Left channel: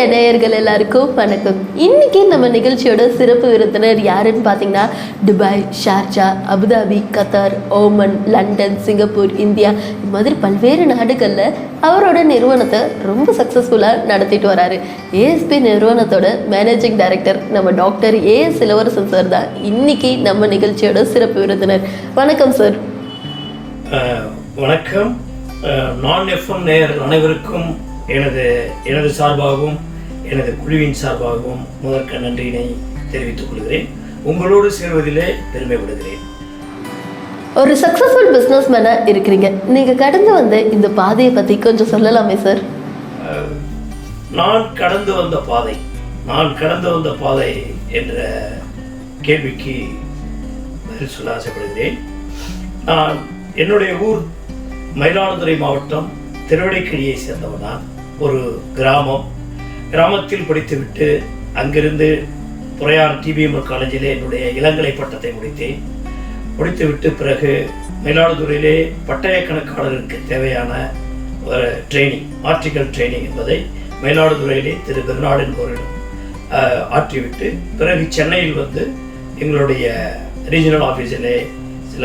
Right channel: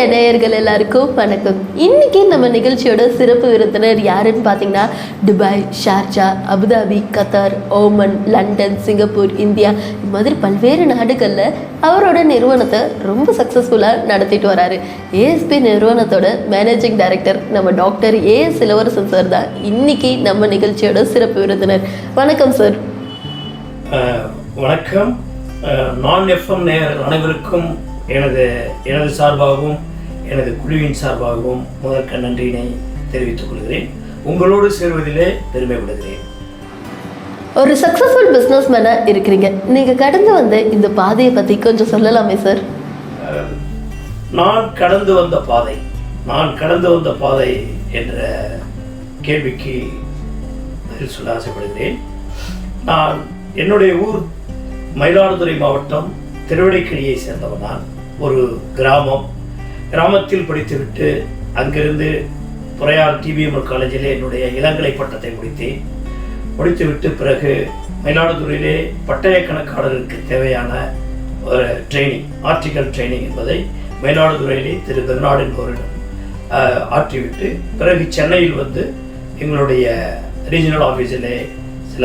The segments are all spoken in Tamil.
மீடியா நேயர்கள் எல்லாருக்கும் வணக்கம். இன்னைக்கு நம்ம நிகழ்ச்சியோட சிறப்பு விருந்தினர் யாருன்னு பார்த்தீங்கன்னா, Dubai, Sharjah, Abu Dhabi, Qatar, Oman, London, Singapore, India இது மாதிரி பல்வேறு நாடுகளில் அவரோட நிறுவனத்தை ரொம்ப சக்ஸஸ்ஃபுல்லாக நடத்திட்டு வராரு. ஏஎஸ்பி நிறுவனத்தோட மேனேஜிங் டைரக்டர் நம்ம டாக்டர் ஏஎஸ் இளவரசன் சார் தான் இன்னைக்கு நம்ம நிகழ்ச்சியோட சிறப்பு விருந்தினர். வணக்கம் சார். வணக்கம். நான் எஃப்எம் நேயர்கள் அனைவருக்கும் எனது சார்பாகவும் எனது குழுவின் சார்பாகவும் முதற்க நன்றியினை தெரிவித்துக் கொள்கிறேன். உங்களோடு சேர்வதிலே பெருமைப்படுகிறேன். ஒரு சக்ஸஸ்ஃபுல் பிஸ்னஸ் மேனாக இருக்கிறீங்க. நீங்கள் கடந்து வந்த இந்த பாதையை பற்றி கொஞ்சம் சொல்லலாமே சார்? நான் கடந்து வந்த பாதை என்ற கேள்விக்கு பதில் சொல்ல ஆசைப்படுகிறேன். நான் என்னுடைய ஊர் மயிலாடுதுறை மாவட்டம் திருவடைக்கழியை சேர்ந்தவன். நான் ஒரு கிராமத்தில் படித்துவிட்டு அங்கிருந்து புறையார் டிபிஎம்எல் காலேஜில் என்னுடைய இளங்கலை பட்டத்தை முடித்துவிட்டு பிறகு மயிலாடுதுறையிலே பட்டய கணக்காளருக்கு தேவையான ஒரு ட்ரைனிங், ஆர்டிக்கல் ட்ரைனிங் என்பதை மயிலாடுதுறையிலே திரு பெர்னாடு என்பவரிடம் ஆற்றிவிட்டு பிறகு சென்னையில் வந்து எங்களுடைய ரீஜனல் ஆஃபீஸிலே சில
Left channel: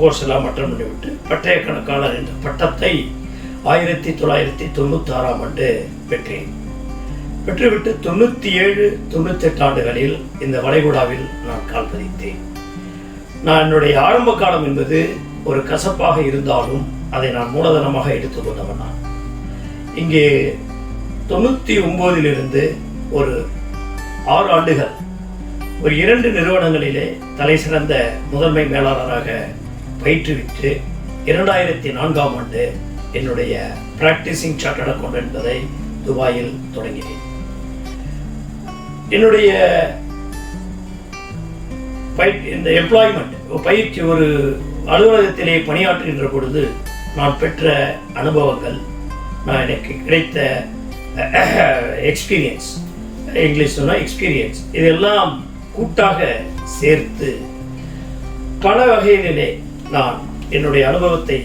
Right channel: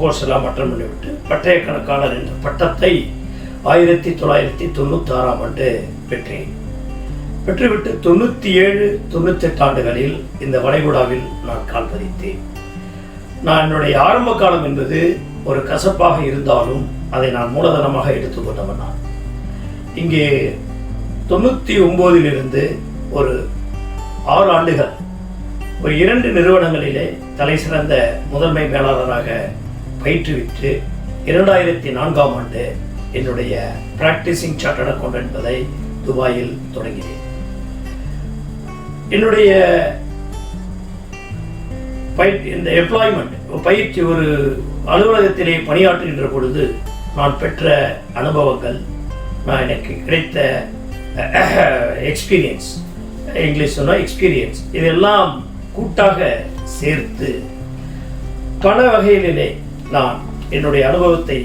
கோர்ஸ் எல்லாம் அட்டன் பண்ணிவிட்டு பட்டய கணக்காளர் என்ற பட்டத்தை 1996ஆம் ஆண்டு பெற்றுவிட்டு 97-98 ஆண்டுகளில் இந்த வளைகுடாவில் நான் கால் பதித்தேன். நான் என்னுடைய ஆரம்ப காலம் என்பது ஒரு கசப்பாக இருந்தாலும் அதை நான் மூலதனமாக எடுத்துக்கொண்டவன். நான் இங்கே 99 ஒரு 6 ஆண்டுகள் ஒரு 2 நிறுவனங்களிலே தலை சிறந்த முதன்மை மேலாளராக பயிற்றுவிட்டு 2004ஆம் ஆண்டு என்னுடைய பிராக்டிசிங் சார்ட்டர்ட் அக்கவுண்ட் என்பதை துபாயில் தொடங்கினேன். என்னுடைய இந்த எம்ப்ளாய்மெண்ட் பயிற்சி ஒரு அலுவலகத்திலே பணியாற்றுகின்ற பொழுது நான் பெற்ற அனுபவங்கள், நான் எனக்கு கிடைத்த எக்ஸ்பீரியன்ஸ், இங்கிலீஷ் சொன்னால் எக்ஸ்பீரியன்ஸ், இதெல்லாம் கூட்டாக சேர்த்து பல வகையிலே நான் என்னுடைய அனுபவத்தை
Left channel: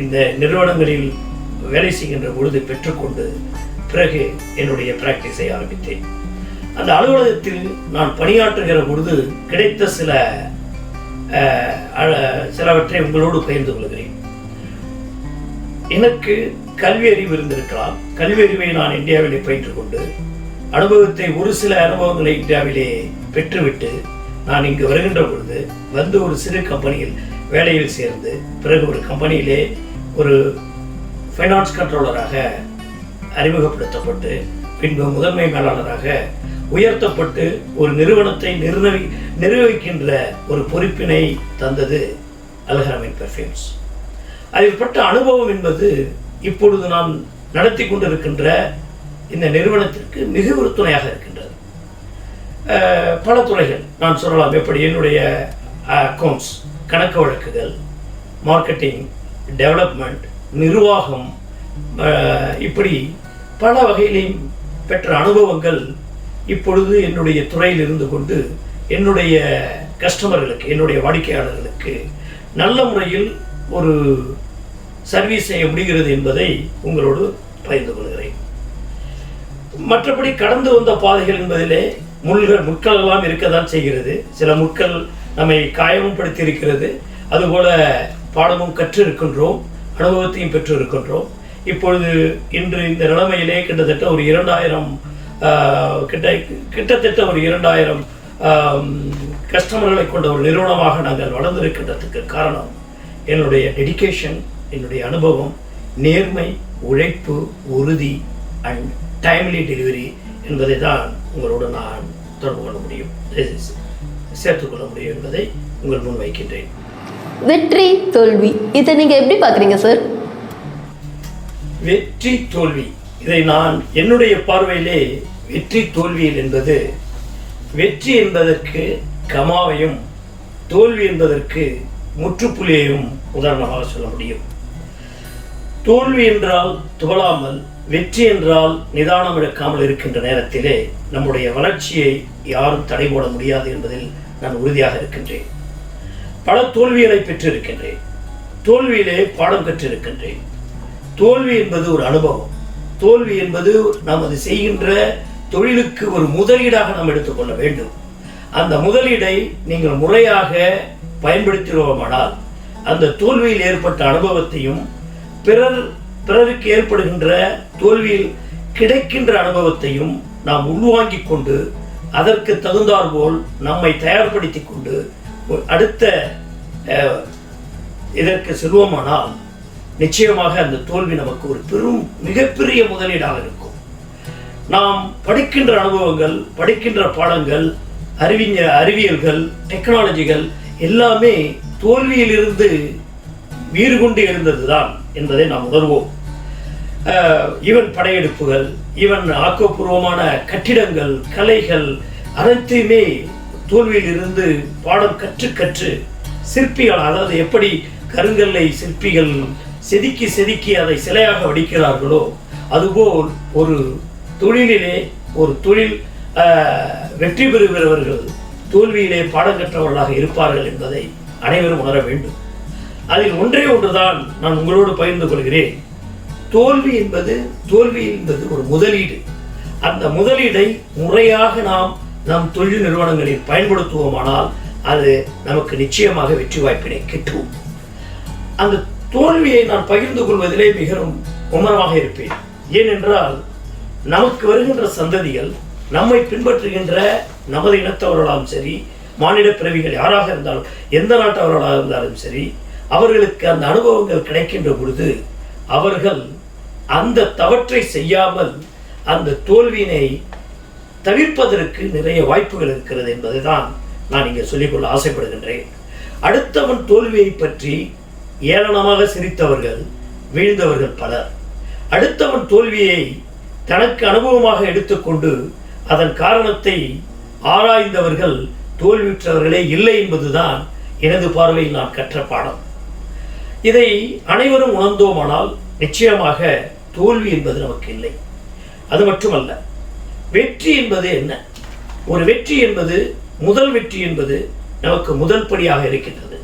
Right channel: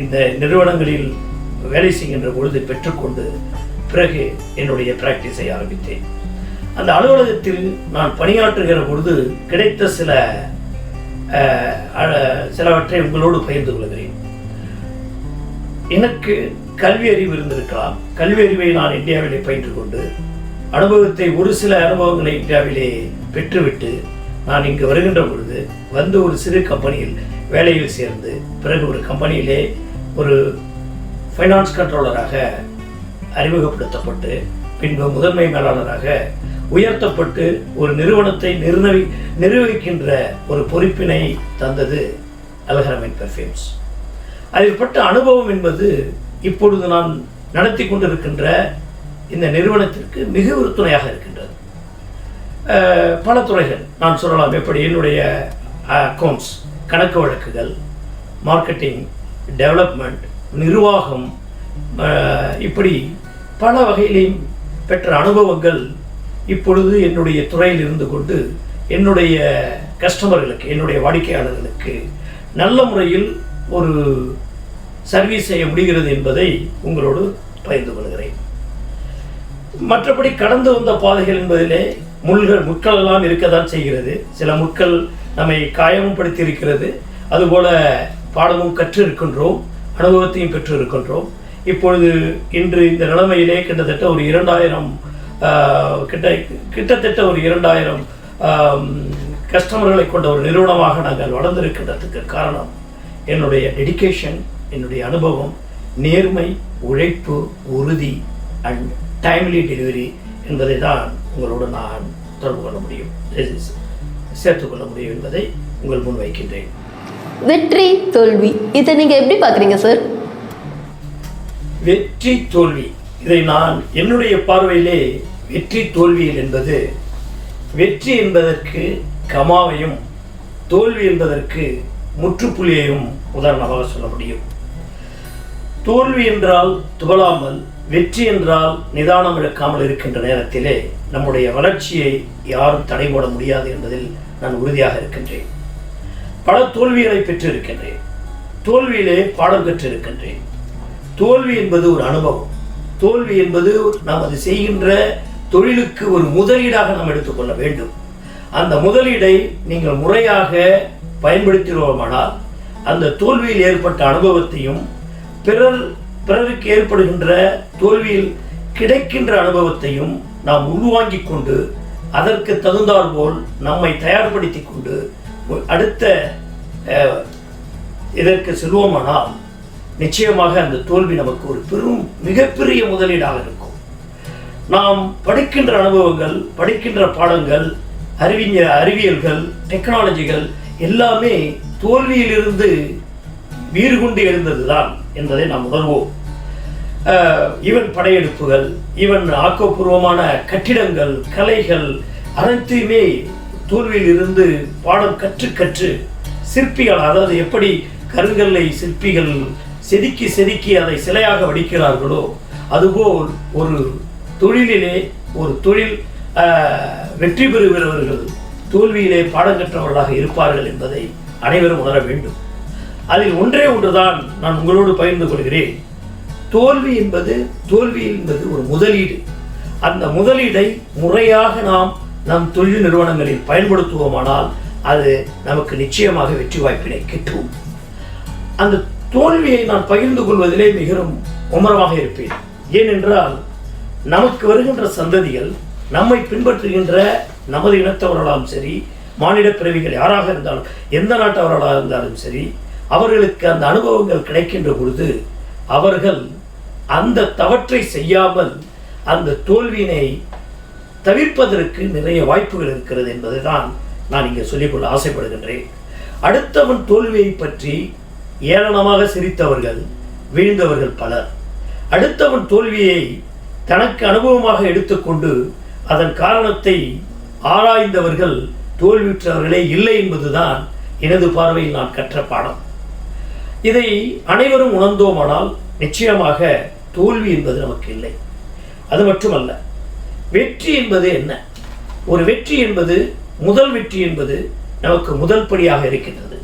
இந்த நிறுவனங்களில் வேலை செய்கின்ற பொழுது பெற்றுக்கொண்டு பிறகு என்னுடைய பிராக்டிஸை ஆரம்பித்தேன். அந்த அலுவலகத்தில் நான் பணியாற்றுகிற பொழுது கிடைத்த சிலவற்றை உங்களோடு பகிர்ந்து கொள்கிறேன். எனக்கு கல்வி அறிவு இருந்திருக்கலாம். கல்வி அறிவை நான் இந்தியாவிலே பயின்று கொண்டு அனுபவத்தை ஒரு சில அனுபவங்களை இந்தியாவிலே பெற்றுவிட்டு நான் இங்கு வருகின்ற பொழுது வந்து ஒரு சிறு கம்பெனியில் வேலையில் சேர்ந்து பிறகு ஒரு கம்பெனியிலே ஒரு ஃபைனான்ஸ் கண்ட்ரோலராக அறிமுகப்படுத்தப்பட்டு பின்பு முதன்மை மேலாளராக உயர்த்தப்பட்டு ஒரு நிறுவனத்தை நிர்வகிக்கின்ற ஒரு பொறுப்பினை தந்தது அல்ஹரமைன் பெர்ஃப்யூம்ஸ். அதில் பட்ட அனுபவம் என்பது இப்பொழுது நான் நடத்தி கொண்டிருக்கின்ற இந்த நிறுவனத்திற்கு மிக ஒரு துணையாக இருக்கின்றது. பல துறைகள் நான் சொல்லலாம். எப்படி என்னுடைய அக்கௌண்ட்ஸ், கணக்கு வழக்குகள், மார்க்கெட்டிங், டெவலப்மெண்ட், நிர்வாகம், இப்படி பல வகையிலையும் பெற்ற அனுபவங்கள் இப்பொழுது என்னுடைய துறையில் இருந்து கொண்டு என்னுடைய கஸ்டமர்களுக்கு, என்னுடைய வாடிக்கையாளர்களுக்கு நல்ல முறையில் ஒரு சர்வீஸ் செய்ய முடிகிறது என்பதை உங்களோடு பகிர்ந்து கொள்கிறேன். மற்றபடி கடந்து வந்த பாதைகள் என்பதிலே முட்கள் எல்லாம் இருக்கத்தான் செய்கிறது. சில முட்கள் நம்மை காயமும் படுத்தி இருக்கிறது. அதுபோல பாடமும் கற்று இருக்கின்றோம், அனுபவத்தையும் பெற்று இருக்கின்றோம். இப்பொழுது இன்று இந்த நிலைமையிலே கிட்டத்தட்ட ஒரு 2000 கஸ்டமர்களை கொண்ட ஒரு நிறுவனமாக நாங்கள் வளர்ந்திருக்கின்றதுக்கு காரணம் என்னுடைய டெடிகேஷன், என்னுடைய அனுபவம், நேர்மை, உழைப்பு, உறுதி அண்ட் டைம்லி டெலிவரி என்பதை தான் உங்களோடு நான் தொடர்பு கொள்ள முடியும், சேர்த்துக்கொள்ள முடியும் என்பதை உங்கள் முன் வைக்கின்றேன். வெற்றி, தோல்வி, இதை நீங்கள் எப்படி பார்க்குறீங்க சார்? வெற்றி, தோல்வி, இதை நான் என்னுடைய பார்வையிலே வெற்றி தோல்வியில் என்பது, வெற்றி என்பதற்கு கமாவையும் தோல்வி என்பதற்கு முற்றுப்புள்ளியையும் உதாரணமாக சொல்ல முடியும். தோல்வி என்றால் துவளாமல், வெற்றி என்றால் நிதானம் இழக்காமல் இருக்கின்ற நேரத்திலே நம்முடைய வளர்ச்சியை யாரும் தடை போட முடியாது என்பதில் நான் உறுதியாக இருக்கின்றேன். பல தோல்விகளை பெற்றிருக்கின்றேன். தோல்வியிலே பாடம் கற்றிருக்கின்றேன். தோல்வி என்பது ஒரு அனுபவம். தோல்வி என்பது நாம் அது செய்கின்ற தொழிலுக்கு ஒரு முதலீடாக நாம் எடுத்துக்கொள்ள வேண்டும். அந்த முதலீடை நீங்கள் முறையாக பயன்படுத்தினோமானால் அந்த தோல்வியில் ஏற்பட்ட அனுபவத்தையும் பிறருக்கு ஏற்படுகின்ற தோல்வியில் கிடைக்கின்ற அனுபவத்தையும் நாம் உள்வாங்கிக் கொண்டு அதற்கு தகுந்தாற்போல் நம்மை தயார்படுத்தி கொண்டு அடுத்த இதற்கு செல்வோமானால் நிச்சயமாக அந்த தோல்வி நமக்கு ஒரு மிகப்பெரிய முதலீடாக இருக்கும். நாம் படிக்கின்ற அனுபவங்கள், படிக்கின்ற பாடங்கள், அறிவியல்கள், டெக்னாலஜிகள் எல்லாமே தோல்வியிலிருந்து வீறு கொண்டு எழுந்ததுதான் என்பதை நாம் உணர்வோம். ஈவன் படையெடுப்புகள், ஈவன் ஆக்கப்பூர்வமான கட்டிடங்கள், கலைகள் அனைத்தையுமே தோல்வியில் இருந்து பாடம் கற்று சிற்பிகள், அதாவது எப்படி கருங்கல்லை சிற்பிகள் செதுக்கி அதை சிலையாக வடிக்கிறார்களோ அதுபோல் ஒரு தொழிலிலே ஒரு தொழில் வெற்றி பெறுகிறவர்கள் தோல்வியிலே பாடம் கற்றவர்களாக இருப்பார்கள் என்பதை அனைவரும் உணர வேண்டும். அதில் ஒன்றே ஒன்றுதான் நான் உங்களோடு பகிர்ந்து கொள்கிறேன். தோல்வி என்பது ஒரு முதலீடு. அந்த முதலீடை முறையாக நாம் நம் தொழில் நிறுவனங்களில் பயன்படுத்துவோமானால் அது நமக்கு நிச்சயமாக வெற்றி வாய்ப்பினை கிட்டும். அந்த தோல்வியை நான் பகிர்ந்து கொள்வதிலே மிகவும் மும்முரமாக இருப்பேன். ஏனென்றால் நமக்கு வருகின்ற சந்ததிகள், நம்மை பின்பற்றுகின்ற நமது இனத்தவர்களாலும் சரி, மானிட பிறவிகள் யாராக இருந்தாலும், எந்த நாட்டவர்களாக இருந்தாலும் சரி, அவர்களுக்கு அந்த அனுபவங்கள் கிடைக்கின்ற பொழுது அவர்கள் அந்த தவற்றை செய்யாமல் அந்த தோல்வியினை தவிர்ப்பதற்கு நிறைய வாய்ப்புகள் இருக்கிறது என்பதை தான் நான் இங்கே சொல்லிக்கொள்ள ஆசைப்படுகின்றேன். அடுத்தவன் தோல்வியை பற்றி ஏளனமாக சிரித்தவர்கள், வீழ்ந்தவர்கள் பலர். அடுத்தவன் தோல்வியை தனக்கு அனுபவமாக எடுத்துக்கொண்டு அதன் காரணத்தை ஆராய்ந்தவர்கள் தோல்வியுற்றவர்களே இல்லை என்பதுதான் எனது பார்வையில் நான் கற்ற பாடம். இதை அனைவரும் உணர்ந்தோமானால் நிச்சயமாக தோல்வி என்பது நமக்கு இல்லை. அது மட்டுமல்ல, வெற்றி என்பது என்ன? ஒரு வெற்றி என்பது, முதல் வெற்றி என்பது நமக்கு முதல் படியாக இருக்கின்றது.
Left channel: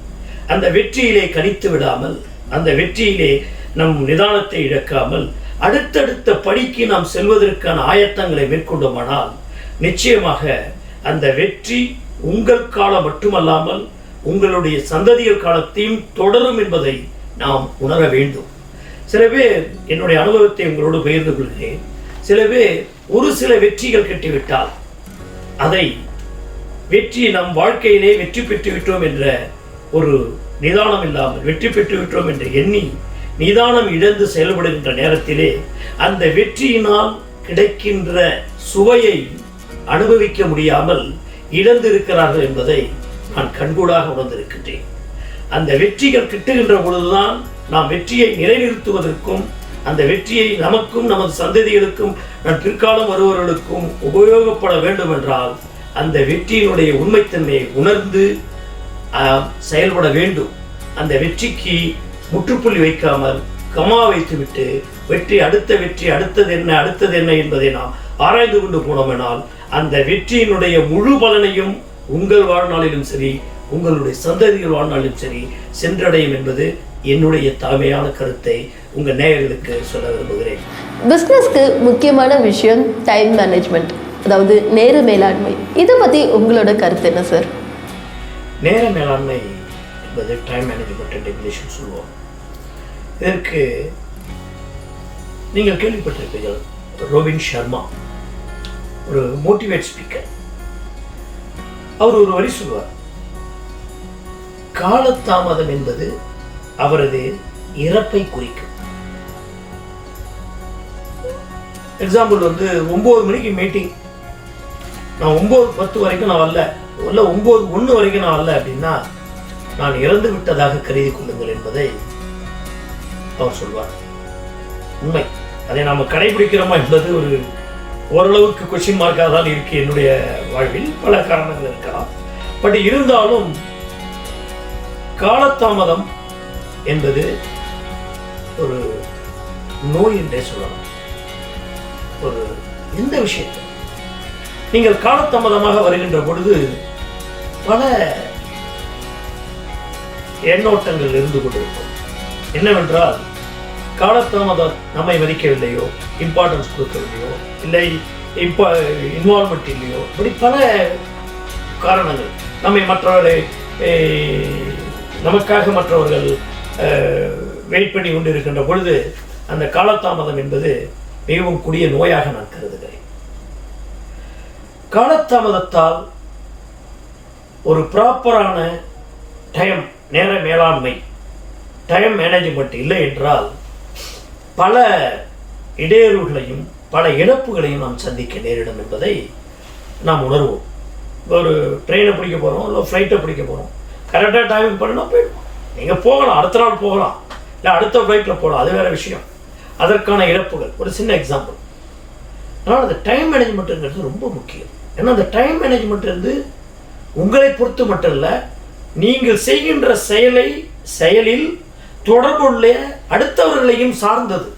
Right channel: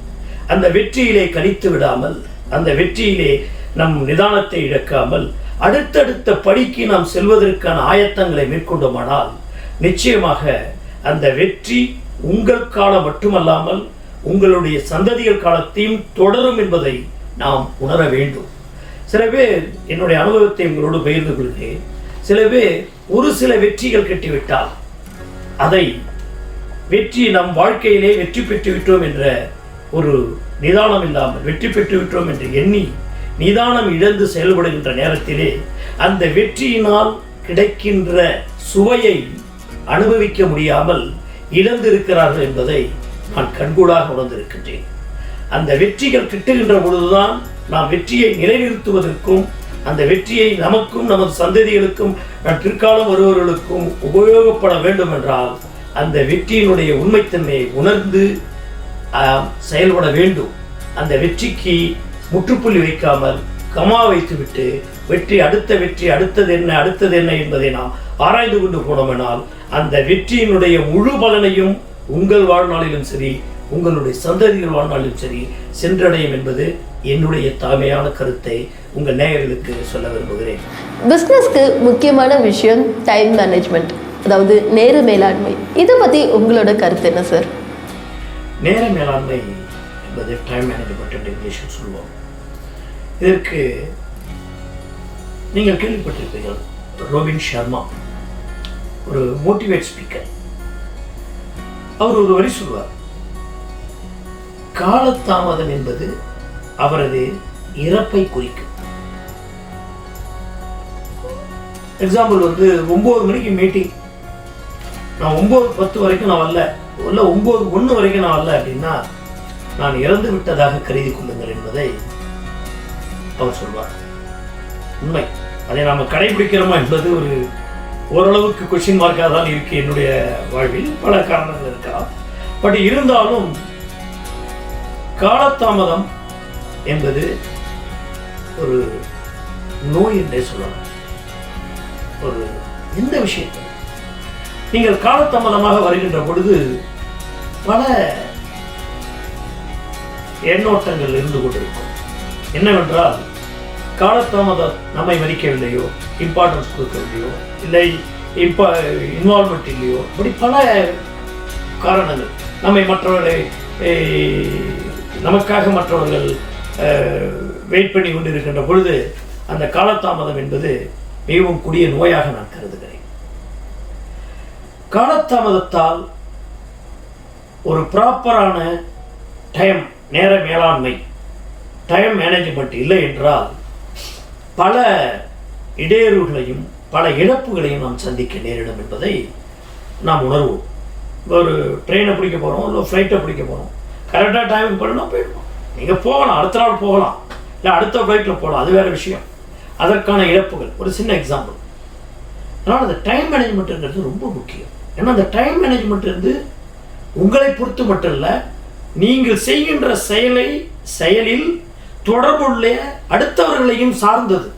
அந்த வெற்றியிலே கணித்து விடாமல், அந்த வெற்றியிலே நம் நிதானத்தை இழக்காமல் அடுத்தடுத்த படிக்கு நாம் செல்வதற்கான ஆயத்தங்களை மேற்கொண்டோமானால் நிச்சயமாக அந்த வெற்றி உங்கள் காலம் மட்டுமல்லாமல் உங்களுடைய சந்ததிகள் காலத்தையும் தொடரும் என்பதை நாம் உணர வேண்டும். சில பேர், என்னுடைய அனுபவத்தை உங்களோடு பகிர்ந்து கொள்கிறேன், சில பேர் ஒரு சில வெற்றிகள் கட்டிவிட்டால் அதை வெற்றி நம் வாழ்க்கையிலே வெற்றி பெற்று விட்டோம் என்ற ஒரு நிதானம் இல்லாமல், வெற்றி பெற்று விட்டோம் என்று எண்ணி நிதானம் இழந்து செயல்படுகின்ற நேரத்திலே அந்த வெற்றியினால் கிடைக்கின்ற சுவையை அனுபவிக்க முடியாமல் இழந்திருக்கிறார்கள் என்பதை நான் கண்கூடாக உணர்ந்திருக்கின்றேன். அந்த வெற்றிகள் கிட்டுகின்ற பொழுதுதான் நாம் வெற்றியை நிலைநிறுத்துவதற்கும் அந்த வெற்றியை நமக்கும் நமது சந்ததிகளுக்கும் பிற்காலம் வருபவர்களுக்கும் உபயோகப்பட வேண்டும் என்றால் அந்த வெற்றியினுடைய உண்மைத்தன்மையை உணர்ந்து செயல்பட வேண்டும். அந்த வெற்றிக்கு முற்றுப்புள்ளி வைக்காமல் கமா வைத்துவிட்டு வெற்றி அடுத்தது என்ன என்பதை நாம் ஆராய்ந்து கொண்டு போனோமெனால் அந்த வெற்றியினுடைய முழு பலனையும் உங்கள் வாழ்நாளிலும் சரி, உங்களுடைய சந்ததிகள் வாழ்நாளிலும் சரி சென்றடையும் என்பது என்னுடைய தாழ்மையான கருத்தை உங்கள் நேயர்களுக்கு சொல்ல விரும்புகிறேன். பிஸ்னஸ்க்கு முக்கியமான விஷயம் டைம் மேனேஜ்மெண்ட், அதாவது நேர மேலாண்மை. இதை பற்றி உங்களோட கருத்து என்ன சார்? நேர மேலாண்மை என்பது டைம் மேனேஜ்மெண்ட் டெஃபினிஷன் சொல்லுவோம். இதற்கு நீங்கள் கேள்விப்பட்டிருப்பீர்கள், ரோபின் சர்மா ஒரு மோட்டிவேட் ஸ்பீக்கர். அவர் ஒரு வரி சொல்வார், காலதாமதம் என்பது அவரது இறப்பை குறிக்கும். எக்ஸாம்பிள் 9 மணிக்கு மீட்டிங், நான் 9:10 வரைக்கும் நான் வரல, 9:01 வரைக்கும் நான் வரல அப்படின்னா நான் இறந்து விட்டதாக கருதி கொள்ளுங்கள் என்பதை அவர் சொல்வார். உண்மை. அதை நாம் கடைபிடிக்கிறோமா என்பது ஓரளவுக்கு கொஸ்டின் மார்க்காக தான் இருக்கு. என்னுடைய வாழ்வில் பல காரணங்கள் இருக்கலாம். பட் இருந்தாலும் காலதாமதம் என்பது ஒரு நோய் என்றே சொல்லலாம். எந்த விஷயத்தில் நீங்கள் காலதாமதமாக வருகின்ற பொழுது பல எண்ணோட்டங்கள் இருந்து கொண்டிருக்கும். என்னவென்றால், காலதாமதம் நம்மை மதிக்கவில்லையோ, இம்பார்ட்டன்ஸ் கொடுக்கவில்லையோ, இல்லை இப்போ இன்வால்மெண்ட் இல்லையோ, இப்படி பல காரணங்கள். மற்றவர்களை நமக்காக மற்றவர்கள் வெயிட் பண்ணி கொண்டு இருக்கின்ற பொழுது அந்த காலதாமதம் என்பது மிகவும் கொடிய நோயாக நான் கருதுகிறேன். காலதாமதத்தால் ஒரு ப்ராப்பரான நேர மேலாண்மை, டைம் மேனேஜ்மெண்ட் இல்லை என்றால் பல இடையூறுகளையும் பல இழப்புகளையும் நாம் சந்திக்க நேரிடும் என்பதை நாம் உணர்வோம். ஒரு ட்ரெயினை பிடிக்க போகிறோம், இல்லை ஃப்ளைட்டை பிடிக்க போகிறோம், கரெக்டாக டைமிங் பண்ணினா போயிடுவோம். நீங்கள் போகலாம், அடுத்த நாள் போகலாம், இல்லை அடுத்த ஃப்ளைட்டில் போகலாம், அது வேறு விஷயம். அதற்கான இழப்புகள் ஒரு சின்ன எக்ஸாம்பிள். அதனால் அந்த டைம் மேனேஜ்மெண்ட்டுங்கிறது ரொம்ப முக்கியம். ஏன்னா அந்த டைம் மேனேஜ்மெண்ட் வந்து உங்களை பொறுத்து மட்டும் இல்லை, நீங்கள் செய்கின்ற செயலில் தொடர்புள்ள அடுத்தவர்களையும் சார்ந்தது.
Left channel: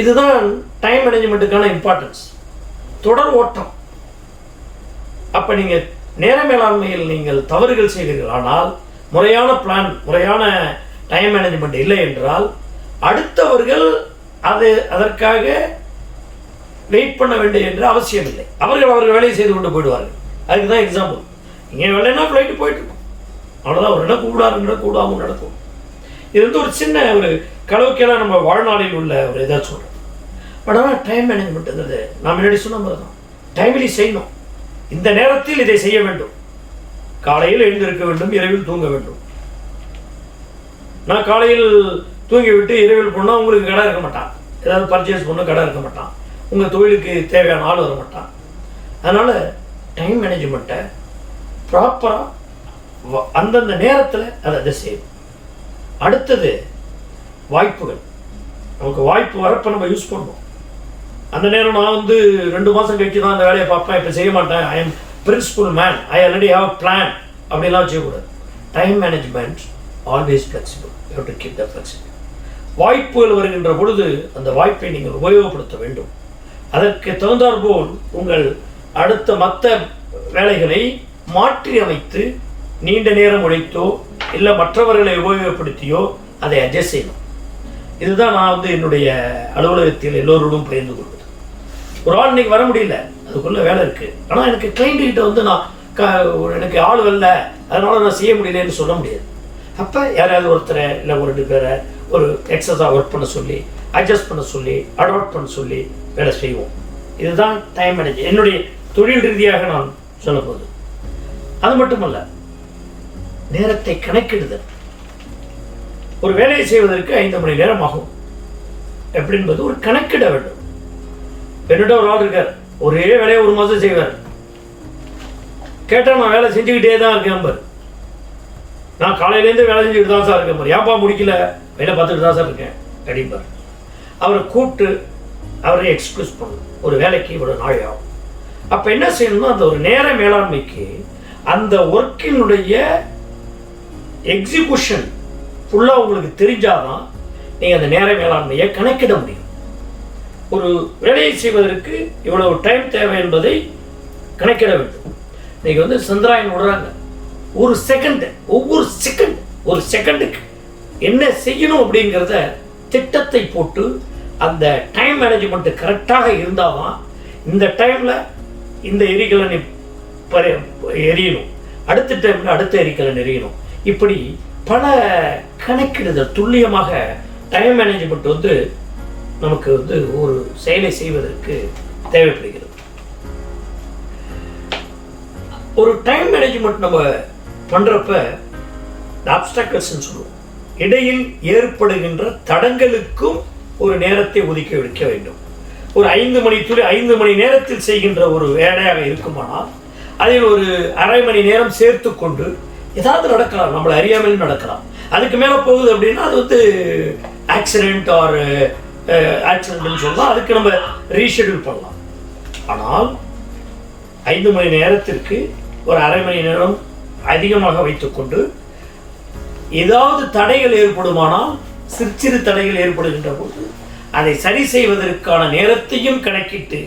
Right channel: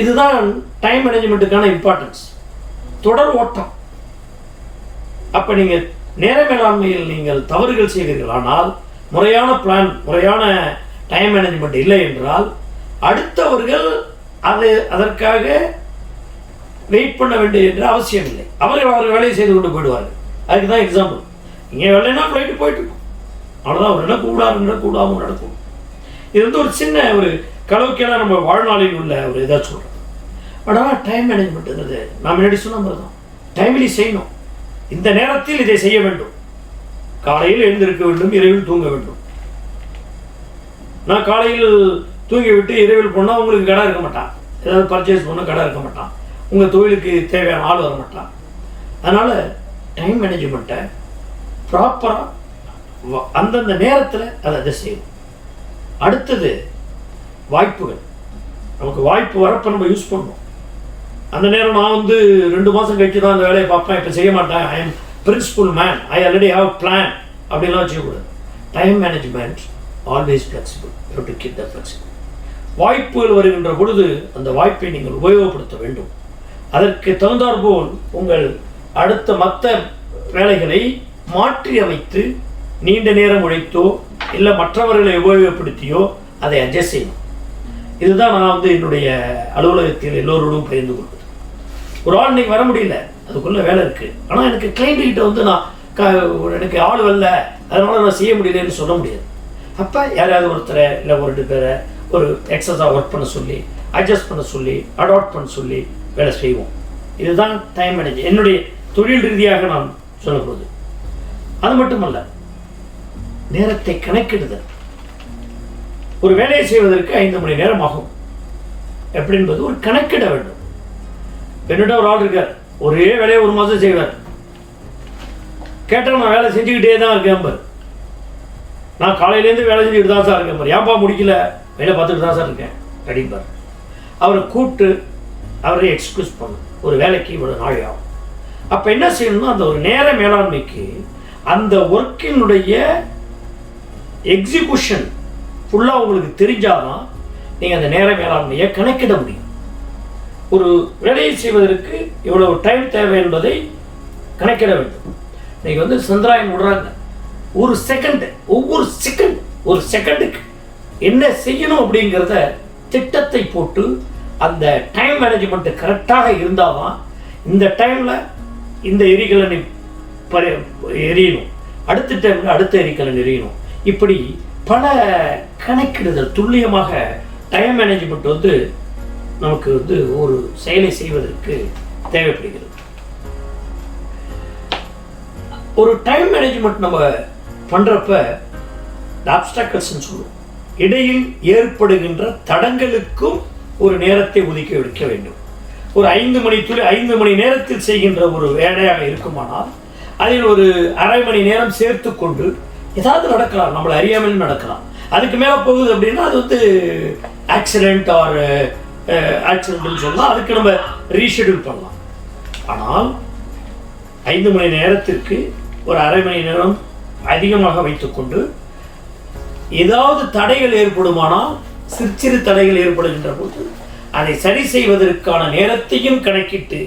இதுதான் டைம் மேனேஜ்மெண்ட்டுக்கான இம்பார்ட்டன்ஸ், தொடர் ஓட்டம். அப்போ நீங்கள் நேர மேலாண்மையில் நீங்கள் தவறுகள் செய்வீர்கள், ஆனால் முறையான பிளான், முறையான டைம் மேனேஜ்மெண்ட் இல்லை என்றால் அடுத்தவர்கள் அதற்காக வெயிட் பண்ண வேண்டும் என்ற அவசியம் இல்லை. அவர்கள் வேலையை செய்து கொண்டு போயிடுவார்கள். அதுக்கு தான் எக்ஸாம்பிள். இங்கே வரலைன்னா ஃப்ளைட்டு போயிட்டு இருக்கும், அவ்வளோதான். ஒரு இடம் கூடாமல் நடக்கும். இது வந்து ஒரு சின்ன ஒரு கலவைக்கெல்லாம் நம்ம வாழ்நாளில் உள்ள ஒரு இதாக சொல்கிறோம். பட் ஆனால் டைம் மேனேஜ்மெண்ட்டுங்கிறது நான் முன்னாடி சொன்ன மாதிரி தான். டைம்லி செய்யணும். இந்த நேரத்தில் இதை செய்ய வேண்டும். காலையில் எழுந்திருக்க வேண்டும், இரவில் தூங்க வேண்டும். நான் காலையில் தூங்கி விட்டு இரவில் போனால் உங்களுக்கு கடை இருக்க மாட்டான், ஏதாவது பர்ச்சேஸ் பண்ண கடை இருக்க மாட்டான், உங்கள் தொழிலுக்கு தேவையான ஆள் வர மாட்டான். அதனால் டைம் மேனேஜ்மெண்ட்டை ப்ராப்பராக அந்தந்த நேரத்தில் அதை செய்யணும். அடுத்தது வாய்ப்புகள். நமக்கு வாய்ப்பு வரப்போ நம்ம யூஸ் பண்ணணும். அந்த நேரம் நான் வந்து 2 மாதம் கழிச்சு தான் அந்த வேலையை பார்ப்பேன், இப்போ செய்ய மாட்டேன், I am principal man, I already have plan, அப்படிலாம் வச்சுக்கூடாது. Time management always flexible. You have to keep that flexible. வாய்ப்புகள் வருகின்ற பொழுது அந்த வாய்ப்பை நீங்கள் உபயோகப்படுத்த வேண்டும். அதற்கு தகுந்தாற்போல் உங்கள் அடுத்த மற்ற வேலைகளை மாற்றி அமைத்து நீண்ட நேரம் உழைத்தோ இல்லை மற்றவர்களை உபயோகப்படுத்தியோ அதை அட்ஜஸ்ட் செய்யணும். இதுதான் நான் வந்து என்னுடைய அலுவலகத்தில் எல்லோரோடும் பகிர்ந்து கொள்வது. ஒரு ஆள் இன்னைக்கு வர முடியல, அதுக்குள்ளே வேலை இருக்குது, ஆனால் எனக்கு கிளைண்ட்டுக்கிட்ட வந்து நான் எனக்கு ஆள் வரல, அதனால் நான் செய்ய முடியலன்னு சொல்ல முடியாது. அப்போ யாராவது ஒருத்தரை இல்லை 2 பேரை ஒரு எக்ஸஸாக ஒர்க் பண்ண சொல்லி, அட்ஜஸ்ட் பண்ண சொல்லி, அடாப்ட் பண்ண சொல்லி வேலை செய்வோம். இதுதான் டைம் மேனேஜ் என்னுடைய தொழில் ரீதியாக நான் சொல்லப்போகுது. அது மட்டுமல்ல, நேரத்தை கணக்கிடுதல். ஒரு வேலையை செய்வதற்கு 5 மணி நேரம் ஆகும் எப்படி என்பது ஒரு கணக்கிட வேண்டும். என்னிட்ட ஒரு ஆள் இருக்கார், ஒரே வேலையை 1 மாதம் செய்வார். கேட்டால் நான் வேலை செஞ்சுக்கிட்டே தான் இருக்கேன் பாரு, நான் காலையிலேருந்து வேலை செஞ்சுக்கிட்டு தான் சார் இருக்கேன் பாரு, ஏன்பா முடிக்கல, வேலை பார்த்துக்கிட்டு தான் சார் இருக்கேன் அப்படிம்பார். அவரை கூப்பிட்டு அவரை எக்ஸ்கியூஸ் பண்ணணும், ஒரு வேலைக்கு இவ்வளோ நாள் ஆகும். அப்போ என்ன செய்யணும்னா அந்த ஒரு நேர மேலாண்மைக்கு அந்த ஒர்க்கினுடைய எக்ஸிக்யூஷன் ஃபுல்லாக உங்களுக்கு தெரிஞ்சாதான் நீங்கள் அந்த நேர மேலாண்மையை கணக்கிட முடியும். ஒரு வேலையை செய்வதற்கு இவ்வளவு டைம் தேவை என்பதை கணக்கிட வேண்டும். இன்னைக்கு வந்து சந்திராயன் விடுறாங்க, ஒவ்வொரு செகண்டுக்கு என்ன செய்யணும் அப்படிங்கிறத திட்டத்தை போட்டு அந்த டைம் மேனேஜ்மெண்ட் கரெக்டாக இருந்தால் தான் இந்த டைமில் இந்த எரிகலனை எரியணும், அடுத்த டைமில் அடுத்த எரிகலன் எரியணும். இப்படி பல கணக்கிடுதல் துல்லியமாக டைம் மேனேஜ்மெண்ட் வந்து நமக்கு வந்து ஒரு செயலை செய்வதற்கு தேவைப்படுகிறது. ஒரு டைம் மேனேஜ்மெண்ட் நம்ம பண்ணுறப்ப ஆப்ஸ்டாக்கிள்ஸ்ன்னு சொல்லுவோம். இடையில் ஏற்படுகின்ற தடங்களுக்கும் ஒரு நேரத்தை ஒதுக்கி வைக்க வேண்டும். ஒரு 5 மணி நேரத்தில் செய்கின்ற ஒரு வேலையாக இருக்குமானால் அதில் ஒரு அரை மணி நேரம் சேர்த்து கொண்டு ஏதாவது நடக்கலாம், நம்மளை அறியாமலும் நடக்கலாம். அதுக்கு மேலே போகுது அப்படின்னா அது வந்து ஆக்சிடென்ட் ஆக்சிடென்ட்னு சொல்லலாம், அதுக்கு நம்ம ரீஷெடியூல் பண்ணலாம். ஆனால் 5 மணி நேரத்திற்கு ஒரு அரை மணி நேரம் அதிகமாக வைத்துக்கொண்டு ஏதாவது தடைகள் ஏற்படுமானால், சிறு தடைகள் ஏற்படுகின்ற போது அதை சரி செய்வதற்கான நேரத்தையும் கணக்கிட்டு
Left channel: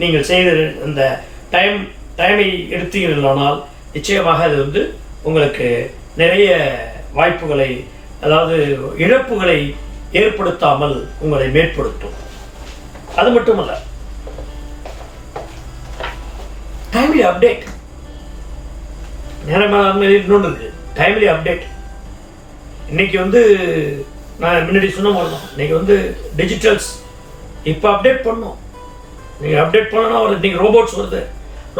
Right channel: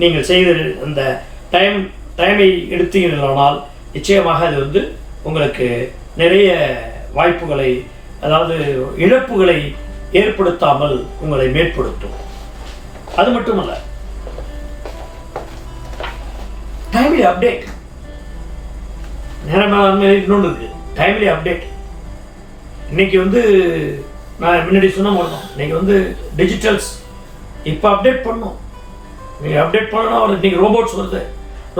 நீங்கள் செய்த அந்த டைமை எடுத்தீர்களானால் நிச்சயமாக அது வந்து உங்களுக்கு நிறைய வாய்ப்புகளை, அதாவது இழப்புகளை ஏற்படுத்தாமல் உங்களை மேற்படுத்தும். அது மட்டுமல்ல, டைம்லி அப்டேட். நேர மேலாண்மை இன்னொன்று இருக்கு, டைம்லி அப்டேட். இன்னைக்கு வந்து நான் முன்னாடி சொன்ன போது தான், இன்னைக்கு வந்து டிஜிட்டல்ஸ் இப்போ அப்டேட் பண்ணோம். நீங்கள் அப்டேட் பண்ணனா ஒரு இன்னைக்கு ரோபோட்ஸ் வருது,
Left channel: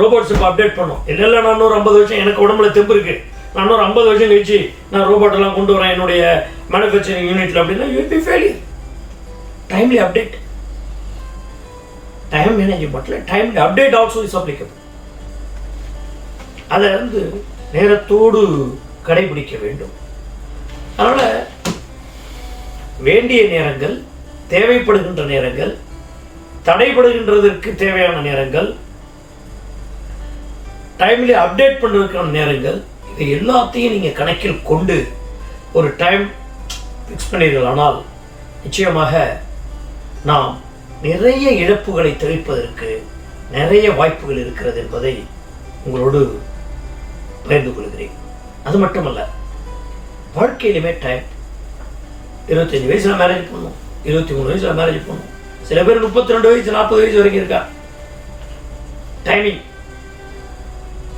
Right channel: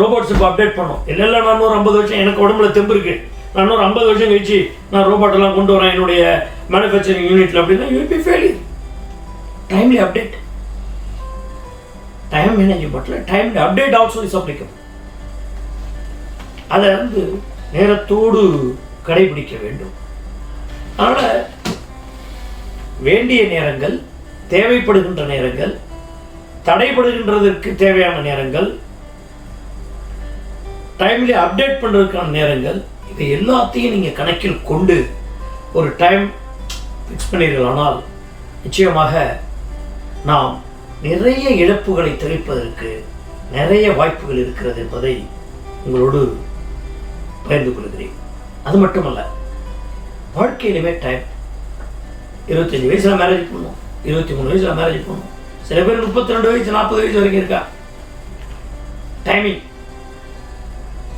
ரோபோட்ஸ் இப்போ அப்டேட் பண்ணோம். இல்லை நான் இன்னொரு 50 வருஷம் எனக்கு உடம்புல தெம்பு இருக்கு, நான் இன்னொரு 50 வருஷம் கழிச்சு நான் ரோபோட்டெல்லாம் கொண்டு வரேன் என்னுடைய மேனுஃபேக்சரிங் யூனிட்ல அப்படின்னா you be failure. Timely update, time மேனேஜ்மெண்ட்ல timely update also is applicable. அதை வந்து நேரத்தோடு கடைபிடிக்க வேண்டும். அதனால வேண்டிய நேரங்கள், தேவைப்படுகின்ற நேரங்கள், தடைபடுகின்றதற்கு தேவையான நேரங்கள், டைம்லி அப்டேட் பண்ணுறதுக்கான நேரங்கள், இதை எல்லாத்தையும் நீங்கள் கணக்கில் கொண்டு ஒரு டைம் ஃபிக்ஸ் பண்ணீர்களானால் நிச்சயமாக நாம் நிறைய இழப்புகளை தவிர்ப்பதற்கு நிறைய வாய்ப்புகள் இருக்கிறது என்பதை உங்களோடு பகிர்ந்து கொள்கிறேன். அது மட்டுமல்ல, வாழ்க்கையிலுமே டைம் 25 வயசுல மேரேஜ் பண்ணணும், 23 வயசுல மேரேஜ் பண்ணணும், சில பேர் 32 வயசு 40 வயசு வரைக்கும் இருக்கா. டைமிங்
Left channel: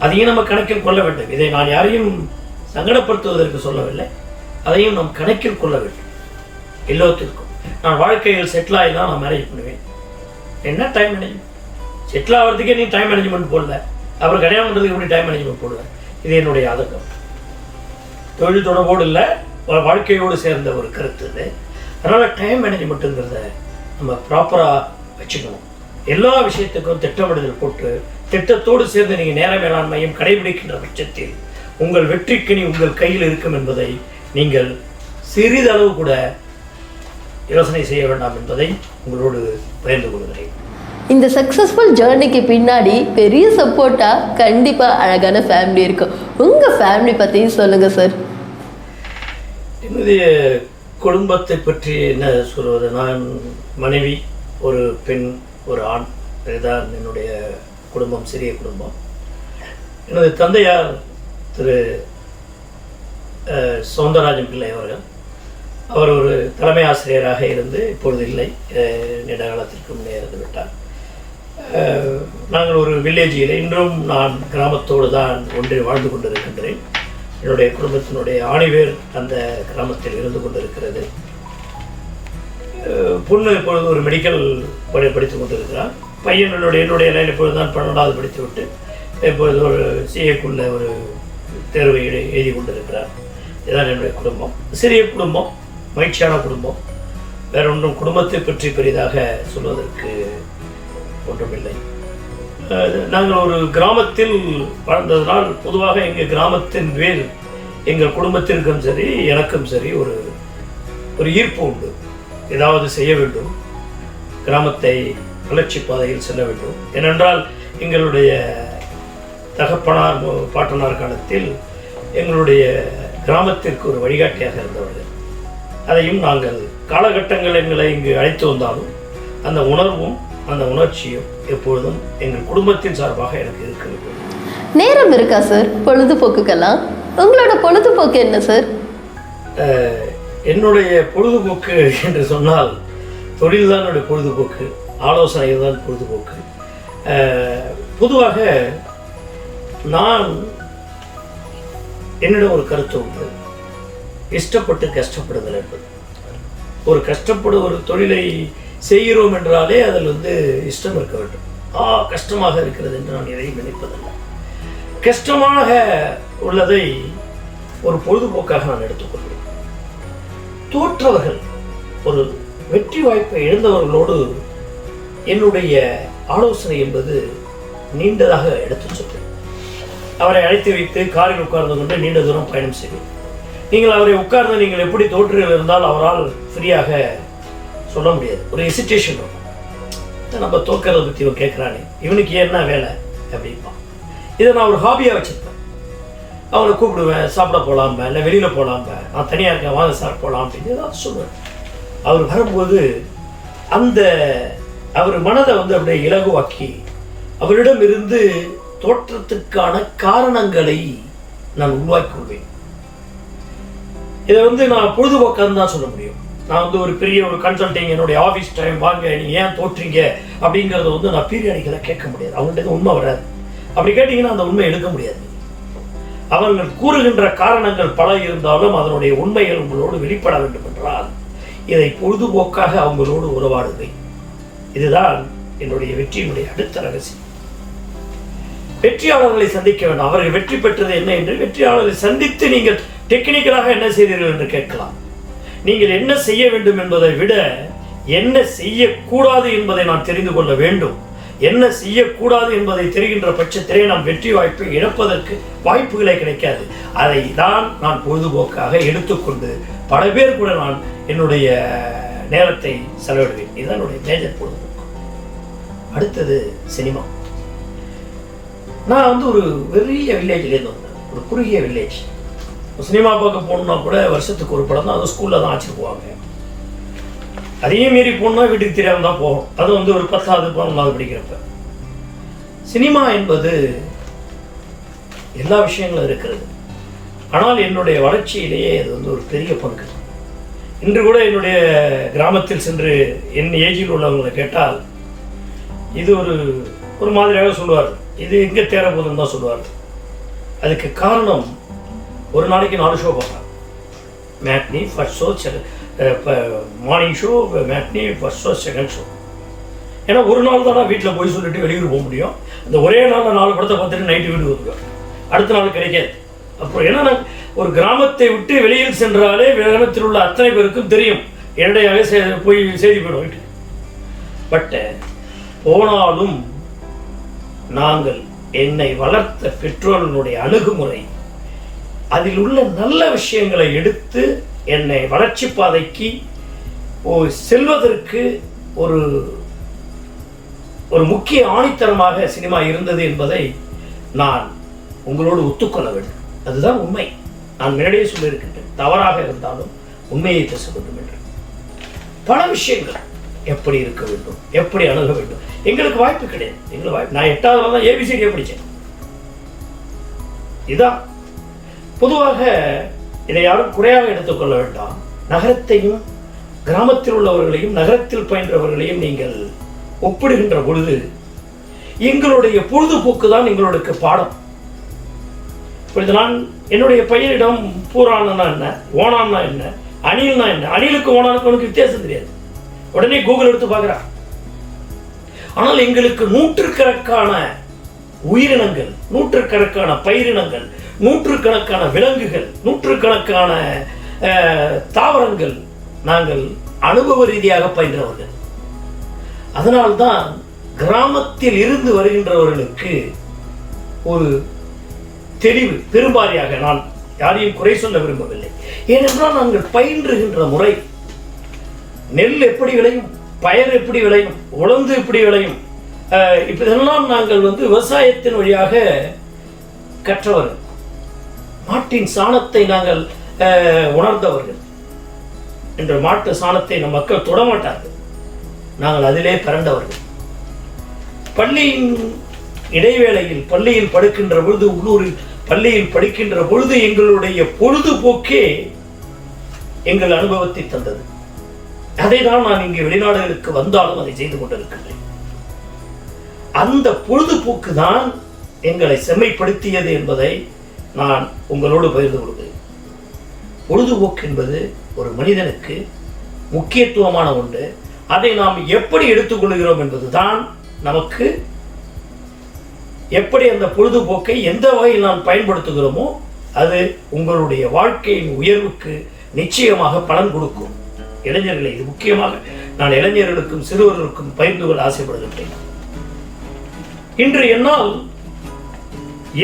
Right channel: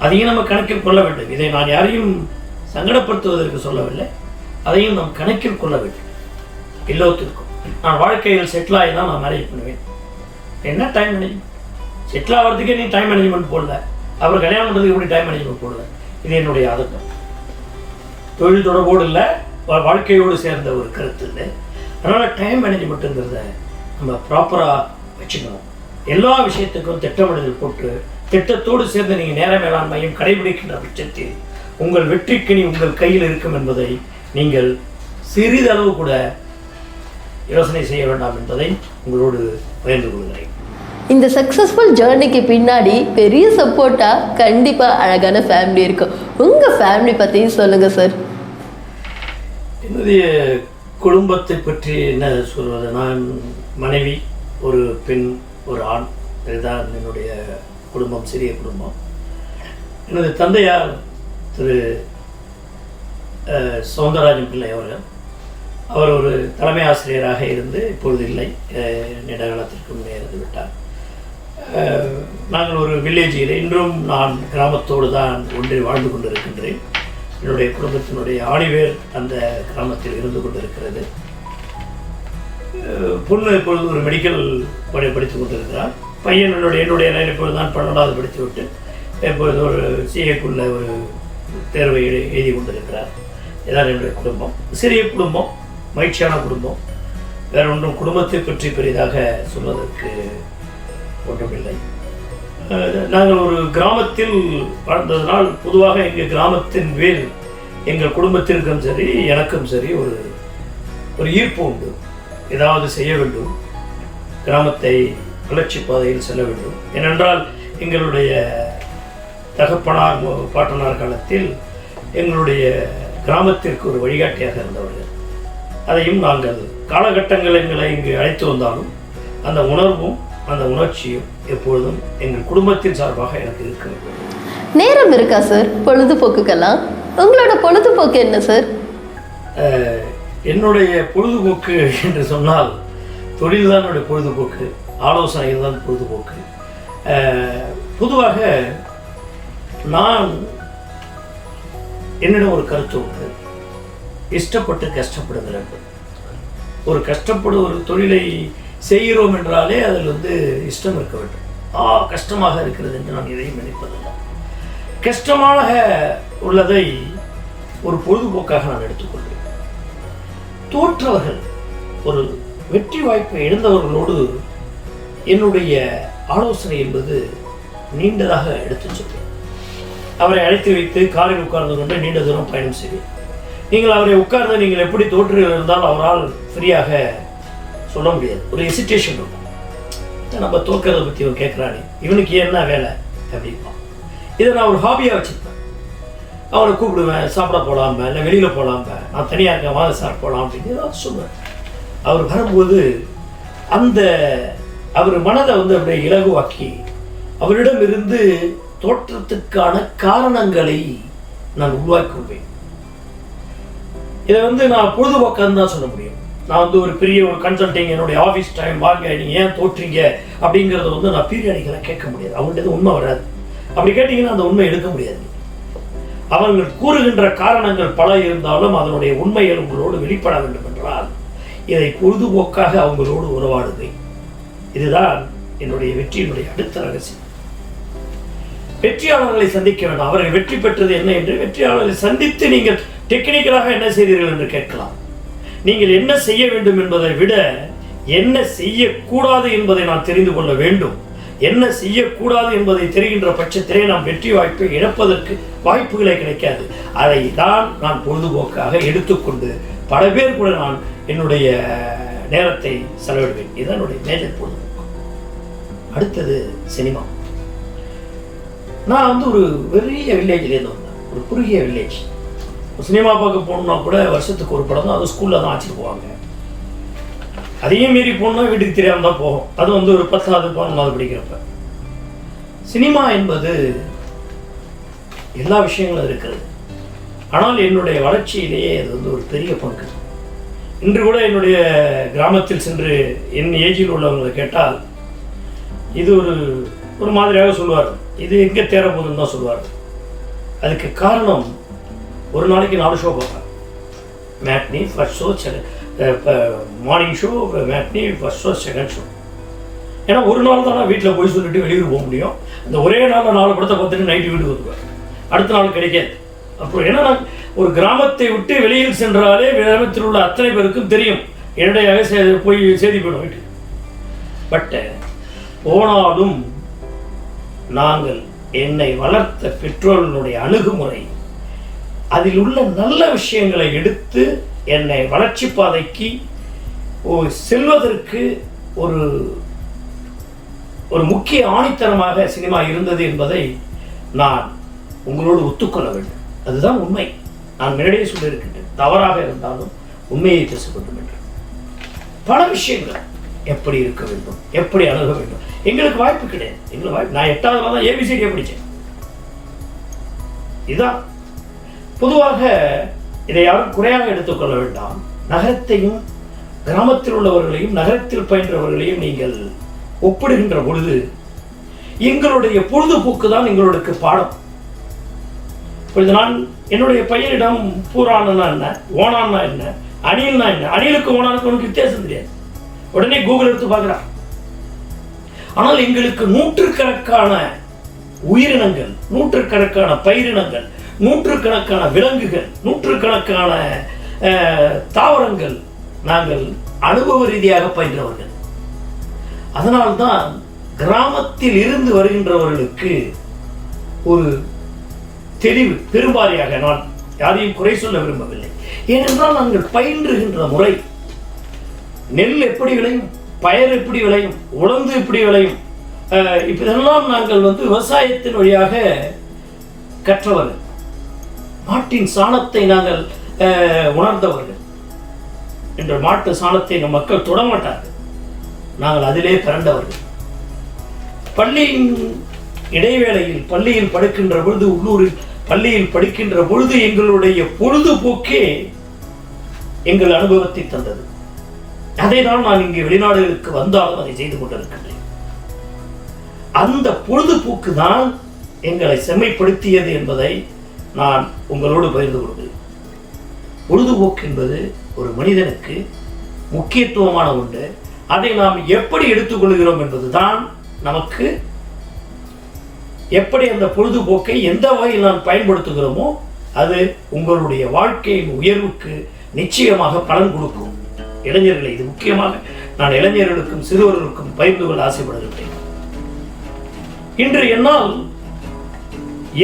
அதையும் நம்ம கணக்கில் கொள்ள வேண்டும். இதை நான் யாரையும் சங்கடப்படுத்துவதற்கு சொல்லவில்லை, அதையும் நாம் கணக்கில் கொள்ள வேண்டும். எல்லோத்திற்கும் நான் வாழ்க்கையில் செட்டில் ஆகி தான் நான் மேரேஜ் பண்ணுவேன். என்ன டைம் மேனேஜ்மெண்ட்? செட்டில் ஆகிறதுக்கே நீ டைம் மேனேஜ்மெண்ட் போடல, அப்புறம் கல்யாணம் பண்ணுறதுக்கு எப்படி டைம் மேனேஜ்மெண்ட் போடல? இது என்னுடைய ஆதங்கம். தொழில் தொடர்போடு இல்லை, வாழ்க்கையோடு சேர்ந்த ஒரு கருத்து இல்லை. அதனால் டைம் மேனேஜ்மெண்ட்டுங்கிறத நம்ம ப்ராப்பராக வச்சுக்கணும். எல்லா விஷயத்துக்கும் திட்டமிடுதல் போட்டு திட்டத்தோடு சேர்ந்து நீங்கள் நேர மேலாண்மையும் கடைபிடிக்கின்ற பட்சத்தில் உங்கள் வெற்றிக்கணி உங்கள் கையில் இருக்கும் என்பதை நீங்கள் சிறிதளவு கூட யோசனை செய்ய வேண்டாம் என்பதை உங்களோடு பகிர்ந்து கொள்கிறேன். இந்த சக்ஸஸ்ஃபுல் ஜேர்னிக்கு பின்னாடி பெரிய சப்போர்ட்டாக கண்டிப்பாக அழகான ஃபேமிலி இருக்கும். உங்கள் ஃபேமிலி பற்றியும் சொல்லுங்கள் சார். என்னுடைய குடும்பத்தை பற்றி என்ன சொல்வது? நான் மனைவி, ஒரு பெண், ஒரு ஆண், இதுதான் என்னுடைய குடும்பம், சிறிய குடும்பம். எனது தந்தையார் திரு சௌந்தரராஜன் பிள்ளை அவர்கள், அவர் ஒரு தலைமை ஆசிரியராக இருந்து இப்பொழுது இல்லை, நீண்ட காலத்திற்கு முன்னே இருந்து விட்டார். நாங்கள் ஒரு வில்லேஜில், இன்றும் நான் கிராமத்தோடு தான் ஒன்றி வாழ்ந்து கொண்டிருக்கின்றேன். என்னுடைய குடும்பத்தினுடைய ஆணிவேர் அந்த கிராமத்தில் இருந்து கொண்டிருக்கிறது. பொண்ணு இப்பொழுது ஒரு மெடிக்கல் படித்து கொண்டிருக்கிறார். பையன் என்னுடைய நிலையில் இப்பொழுது தான் 12வது படித்து விட்டு இப்பொழுது ஒரு சிஏக்குள்ள ஒரு தேர்வை எழுதி கொண்டிருக்கிறார். இதுதான் என்னுடைய குடும்பம். சிறிய குடும்பம், மகிழ்ச்சியான குடும்பம். வேற ஒன்றும் குடும்பத்தை பற்றி பெரிதாக சொல்வதற்கு ஒன்றுமில்லை. நாங்கள் ஒரு கிராமத்தில் வாழ்ந்ததனால் பொதுவாக எங்கள் கிராமத்தின் மேல் எங்கள் குடும்பத்திற்கும் சரி எனக்கும் சரி ஒரு ஈர்ப்பு உண்டு. ஏதாவது செய்ய வேண்டும், கிராமத்தை வளர்ச்சி பாதையில் செல்ல வேண்டும். ஏனென்றால் எங்களுடைய தகப்பனார் பாட்டனார் காலத்தில் எங்களுடைய கிராமத்திற்கு ஒரு வழிகாட்டியாக இருந்தவர்கள். அதையும் நாங்கள் காலகட்டங்கள் எங்களை இங்கு அழைத்து வந்தாலும் அந்த உணர்வும் அந்த உணர்ச்சியும் எப்பொழுதும் எங்கள் குடும்பத்தின் சார்பாக எனக்கு இருக்கிறது. நேரம் இருக்கா சார் பொழுதுபோக்குக்கெல்லாம்? உங்களோட பொழுதுபோக்கு என்ன சார்? என்னுடைய பொழுதுபோக்கு என்று சொன்னால் தொழில் தான் என்னுடைய பொழுதுபோக்கு, ஆலோசனை தான் பொழுதுபோக்கு. பொதுவாக நான் என்னிடம் ஒரு கருத்து உண்டு, இஷ்டப்பட்டு கஷ்டப்படுதல் என்பது. ஒரு தொழிலை செய்கிறோம் என்றாலே அதில் இஷ்டம் இருக்க வேண்டும். கஷ்டமாக இருக்கிறது என்று நான் எதையும் நினைப்பதில்லை. கஷ்டமாக உள்ளதை ஒரு பொழுதுபோக்காக நான் எடுத்துக்கொள்வேன். தோற்றவர்கள், ஒரு வெற்றி வாய்ப்பை இழந்தவர்களோடு என்னுடைய ஆலோசனை என்பது நீண்டதாக எடுத்து சொல்வேன். அவரை அழைத்து வைத்து காரில் உட்கார்ந்து கொண்டு நீண்ட தூரம் பயணம் செய்வேன். நீங்கள் அவரை உட்கார்ந்து நீங்கள் எப்படி தோற்றுகள் இருந்தால் அவரால் ஃப்ரீயாக சொல்ல முடியாது. ஒரு ஹெசிடேஷன் இருக்கும். நம்ம தோக்கிறத பற்றி இவன் கேட்குறானே, இவனுக்கு என்ன வேலை அப்படிப்பான். இதை நான் ஒரு ஹாபியாக வச்சுருப்பேன். அவரை கூப்பிடுவேன், சாப்பிட போகலாம்ப, இல்லை வெளியில் போகலாம்ப, நான் தனியாக இருக்கேன், வாங்க சார் போகலாம் அப்படின்னு ஏதாவது சொல்லுவேன். அவர் வரும்போது அவர் மனதை அப்படியே இலகுவாக்கி அவரிடம் இருந்து தோற்றத்துக்கான காரணங்களை நான் உருவாக்கி கொள்வேன். இதை நான் பொழுதுபோக்கான்னு தான் சொல்ல முடியும். நான் ஒரு பெரிய கன்சல்டிங், என்னுடைய ஆஃபீஸ் டைம் வாங்க நீங்கள் ஏன் தோற்றீங்க அப்படிங்கிறத நான் பீரியாடிக்கலாக கேட்க முடியாது. அவங்கள்ட்ட உண்மை வராது. அப்படி கேட்டீங்கன்னா அந்த உண்மை எடுக்க முடியாது. அவர்கள் கூறுகின்ற காரணங்கள் பல இருந்தாலும் அதனுடைய உண்மைகள் உங்களோடு வெளிப்பட வேண்டும் என்றால் இதை பொழுதுபோக்காக அவங்களோடு உறவாடுவை. இதுதான் என்னுடைய வெற்றியினுடைய அடுத்த ரகசியம். வெற்றியாளர்களை சந்திக்க வேண்டும். அவர்கள் வெற்றி பெற்றது என்ன என்று வெற்றியாளர்களை சந்தித்து நீங்கள் டெக்னிக்கலாக என்ன செய்தீர்கள் என்று கேட்கலாம். நீங்கள் என்ன செய்ய வேண்டும் என்பதை விட என்ன செய்யக்கூடாது என்பதை நான் தெரிந்து கொள்ள வேண்டும். என்ன செய்யக்கூடாது என்பதை தெரிகின்ற பட்சத்திலே நாம் வெற்றி வாய்ப்பை இழப்பதற்கு வாய்ப்புகளே கிடைக்காது. அதை தான் நான் பொழுதுபோக்காக எடுத்துக்கொண்டு பல பேர் கூட நான் என்னுடைய நேரத்தை செலவிடுவேன். இதுதான் என்னுடைய மேஜர் பொழுதுபோக்கு. அடுத்தது சினிமா. நான் ஒரு பெரிய வில்லேஜ்லேருந்து வந்தேன், ஒரு குறுகிய வில்லேஜ். சினிமா பார்க்க போகணுன்னா கூட வருஷத்துக்கு ஒரு படம் தான், அது ஸ்கூலில் தான் ஆச்சுட்டு போவாங்க. அதையும் மீறி போகணுன்னா வீட்டுக்கு தெரியாமல் தான் போகும். அது ஒரு 10வது 11வது படிக்கிறப்ப. சினிமா என்பது எல்லா விஷயங்களும் இருக்கிறது. ஆனால் என்னுடைய வளர்ச்சியிலேயே அது ஒரு பெரிய பங்கு. இன்று கூட என்னுடைய கிராமத்தில் சென்று என் ஏஜில் உள்ளவங்களை கேட்டால் இது ஒரு மாதிரியாக சொல்லுவார்கள். இது எங்கே தேர போதுன்னு தான் சொல்லுவார்கள். அதுக்கு காரணம் ஒரு நாளைக்கு 4 ஷோ பார்ப்பேன். Matinee, first show, morning show, matinee, first show, second show. ஏன்னா ஒரு நாள் தான் நான் வீட்டில் போய் சொல்லிட்டு வெளியூர் போக முடியும். அந்த ஒரே நாளில் 4 படத்தை பார்த்துட்டு நைட்டு வீடு வருவேன். அடுத்த நாள் கிடைக்காது. அப்புறம் ஏன்னா நான் ஒரு கிராமத்தை விட்டு வெளியில் சென்றாலே கிராமத்தில் உள்ள அத்தனை பேருக்கும் தெரியும், என்னுடைய போய் செய்தி போயிடும் வீட்டுக்கு. பட் போனாலும் நாங்கள் என்னை வளர்த்த பெற்றோர்களுடைய அணுகுமுறை, அதில் உள்ள நல்ல விஷயங்களை எடுத்து என்னை வளர்ச்சி பாதைக்கு செல்வதற்கு ஒரு முக்கிய ஆணித்தரமாக சினிமா இருந்தது என்பதை நான் உங்களோடு ஒத்துக்கொள்ள வேண்டும். அதுதான் உண்மை. நான் முன்னாடியே சொல்லியிருக்கின்றேன், தவறாக இருந்தாலும் உண்மையை பேச வேண்டும் என்று. பல விஷயங்கள் எப்படி இருக்க வேண்டும், எப்படி அணுக வேண்டும். எங்களுக்கு வாய்ப்பு கிடையாது. எங்களுக்கு வாய்ப்பு, நான் 8வது தான் ஏபிசிடியை படித்தேன். இதுதான் பொதுவாக. இதை யாரும் குறையாக எடுத்துக்கொள்ள வேண்டாம். நகரத்தையும் கிராமத்தில் உள்ளவர்களையும் நகரத்தில் பயின்றவர்களையும் நீங்கள் ஒப்பிடுகின்ற பொழுது எங்களுடைய பொழுதுபோக்கு தான் எங்களுக்கு பாடம். இப்பொழுது நான் என்னுடைய பையனிடம் பூரான்னா என்ன, ஓனான்னா என்ன, அணில்னா என்ன, அணிலுக்கு ஓனானுக்கு உனக்கு வித்தியாசம் தெரியாது. உடனே கூகுள் எடுத்து பார்க்குறான். ஆனால் எங்களுக்கு நூற்றுக்கணக்கான உயிரினங்கள், நூற்றுக்கணக்கான பயிரினங்கள், நூற்றுக்கணக்கான விலங்குகள், நூற்றுக்கணக்கான தாவரங்கள் நாங்கள் அனுபவ ரீதியாக பயின்றவர்கள். அதனால்தான் கிராமத்தில் இருந்து வருகின்றவர்களுக்கு ஒரு தெளிவு பெரும்பாரியாக, நான் யாரையும் குறை சொல்ல விரும்பவில்லை. ஏனென்றால் நாங்கள் பயின்றுகின்ற முறை, நெல் எப்படி விளையும், பயர் எப்படி விளையும், உளுந்து எப்படி விளையும், இதெல்லாம் நாங்கள் விவசாயத்தின் வழியாக கற்றவர்கள். மாட்டின் சாணத்தை நாங்கள் உணர்ந்தவர்கள். என்ற மாட்டு சாணத்தை நம் மக்கள் தொடமாட்டார்கள். நாங்கள் அதிலே பிறந்தவர்கள். பள்ளியின் இடைவேளையில் பள்ளியில் படுக்கின்ற பொழுது, உள்ளூரில் பள்ளியில் படிக்கின்ற பொழுது எங்களுடைய பொழுதுபோக்கே எங்கள் அனுபவத்தை தந்தது. அதை தான் நான் இங்கு வெளிநாடுகளுக்கு வந்தாலும் அதை செய்து கொண்டிருக்கின்றேன். அந்த பொழுதுபோக்கு தான் எங்களை செம்மைப்படுத்தியது என்பதை நான் உங்களோடு பகிர்ந்து கொள்கிறேன். பொழுதுபோக்கு என்பது ஒரு மனிதனுக்கு முக்கியத்துவமான ஒன்று. அதை நாம் எப்படி எடுத்துக்கொள்கிறோம் என்பதுதான் நமக்கு, எப்படி அந்த பொழுதுபோக்கை எந்த வகையில் நாம் பயன்படுத்துகிறோமோ அது உங்களுடைய வாழ்க்கையின் உயர்வுக்கு நிச்சயமாக பலன் கொடுக்கும். இளைஞர்களை, இது முக்கியமாக நான் இளைஞர்களுக்கும் சிறுவர்களுக்கும் பகிர்ந்து கொள்ள ஆசைப்படுகின்றேன். இன்று என்னால்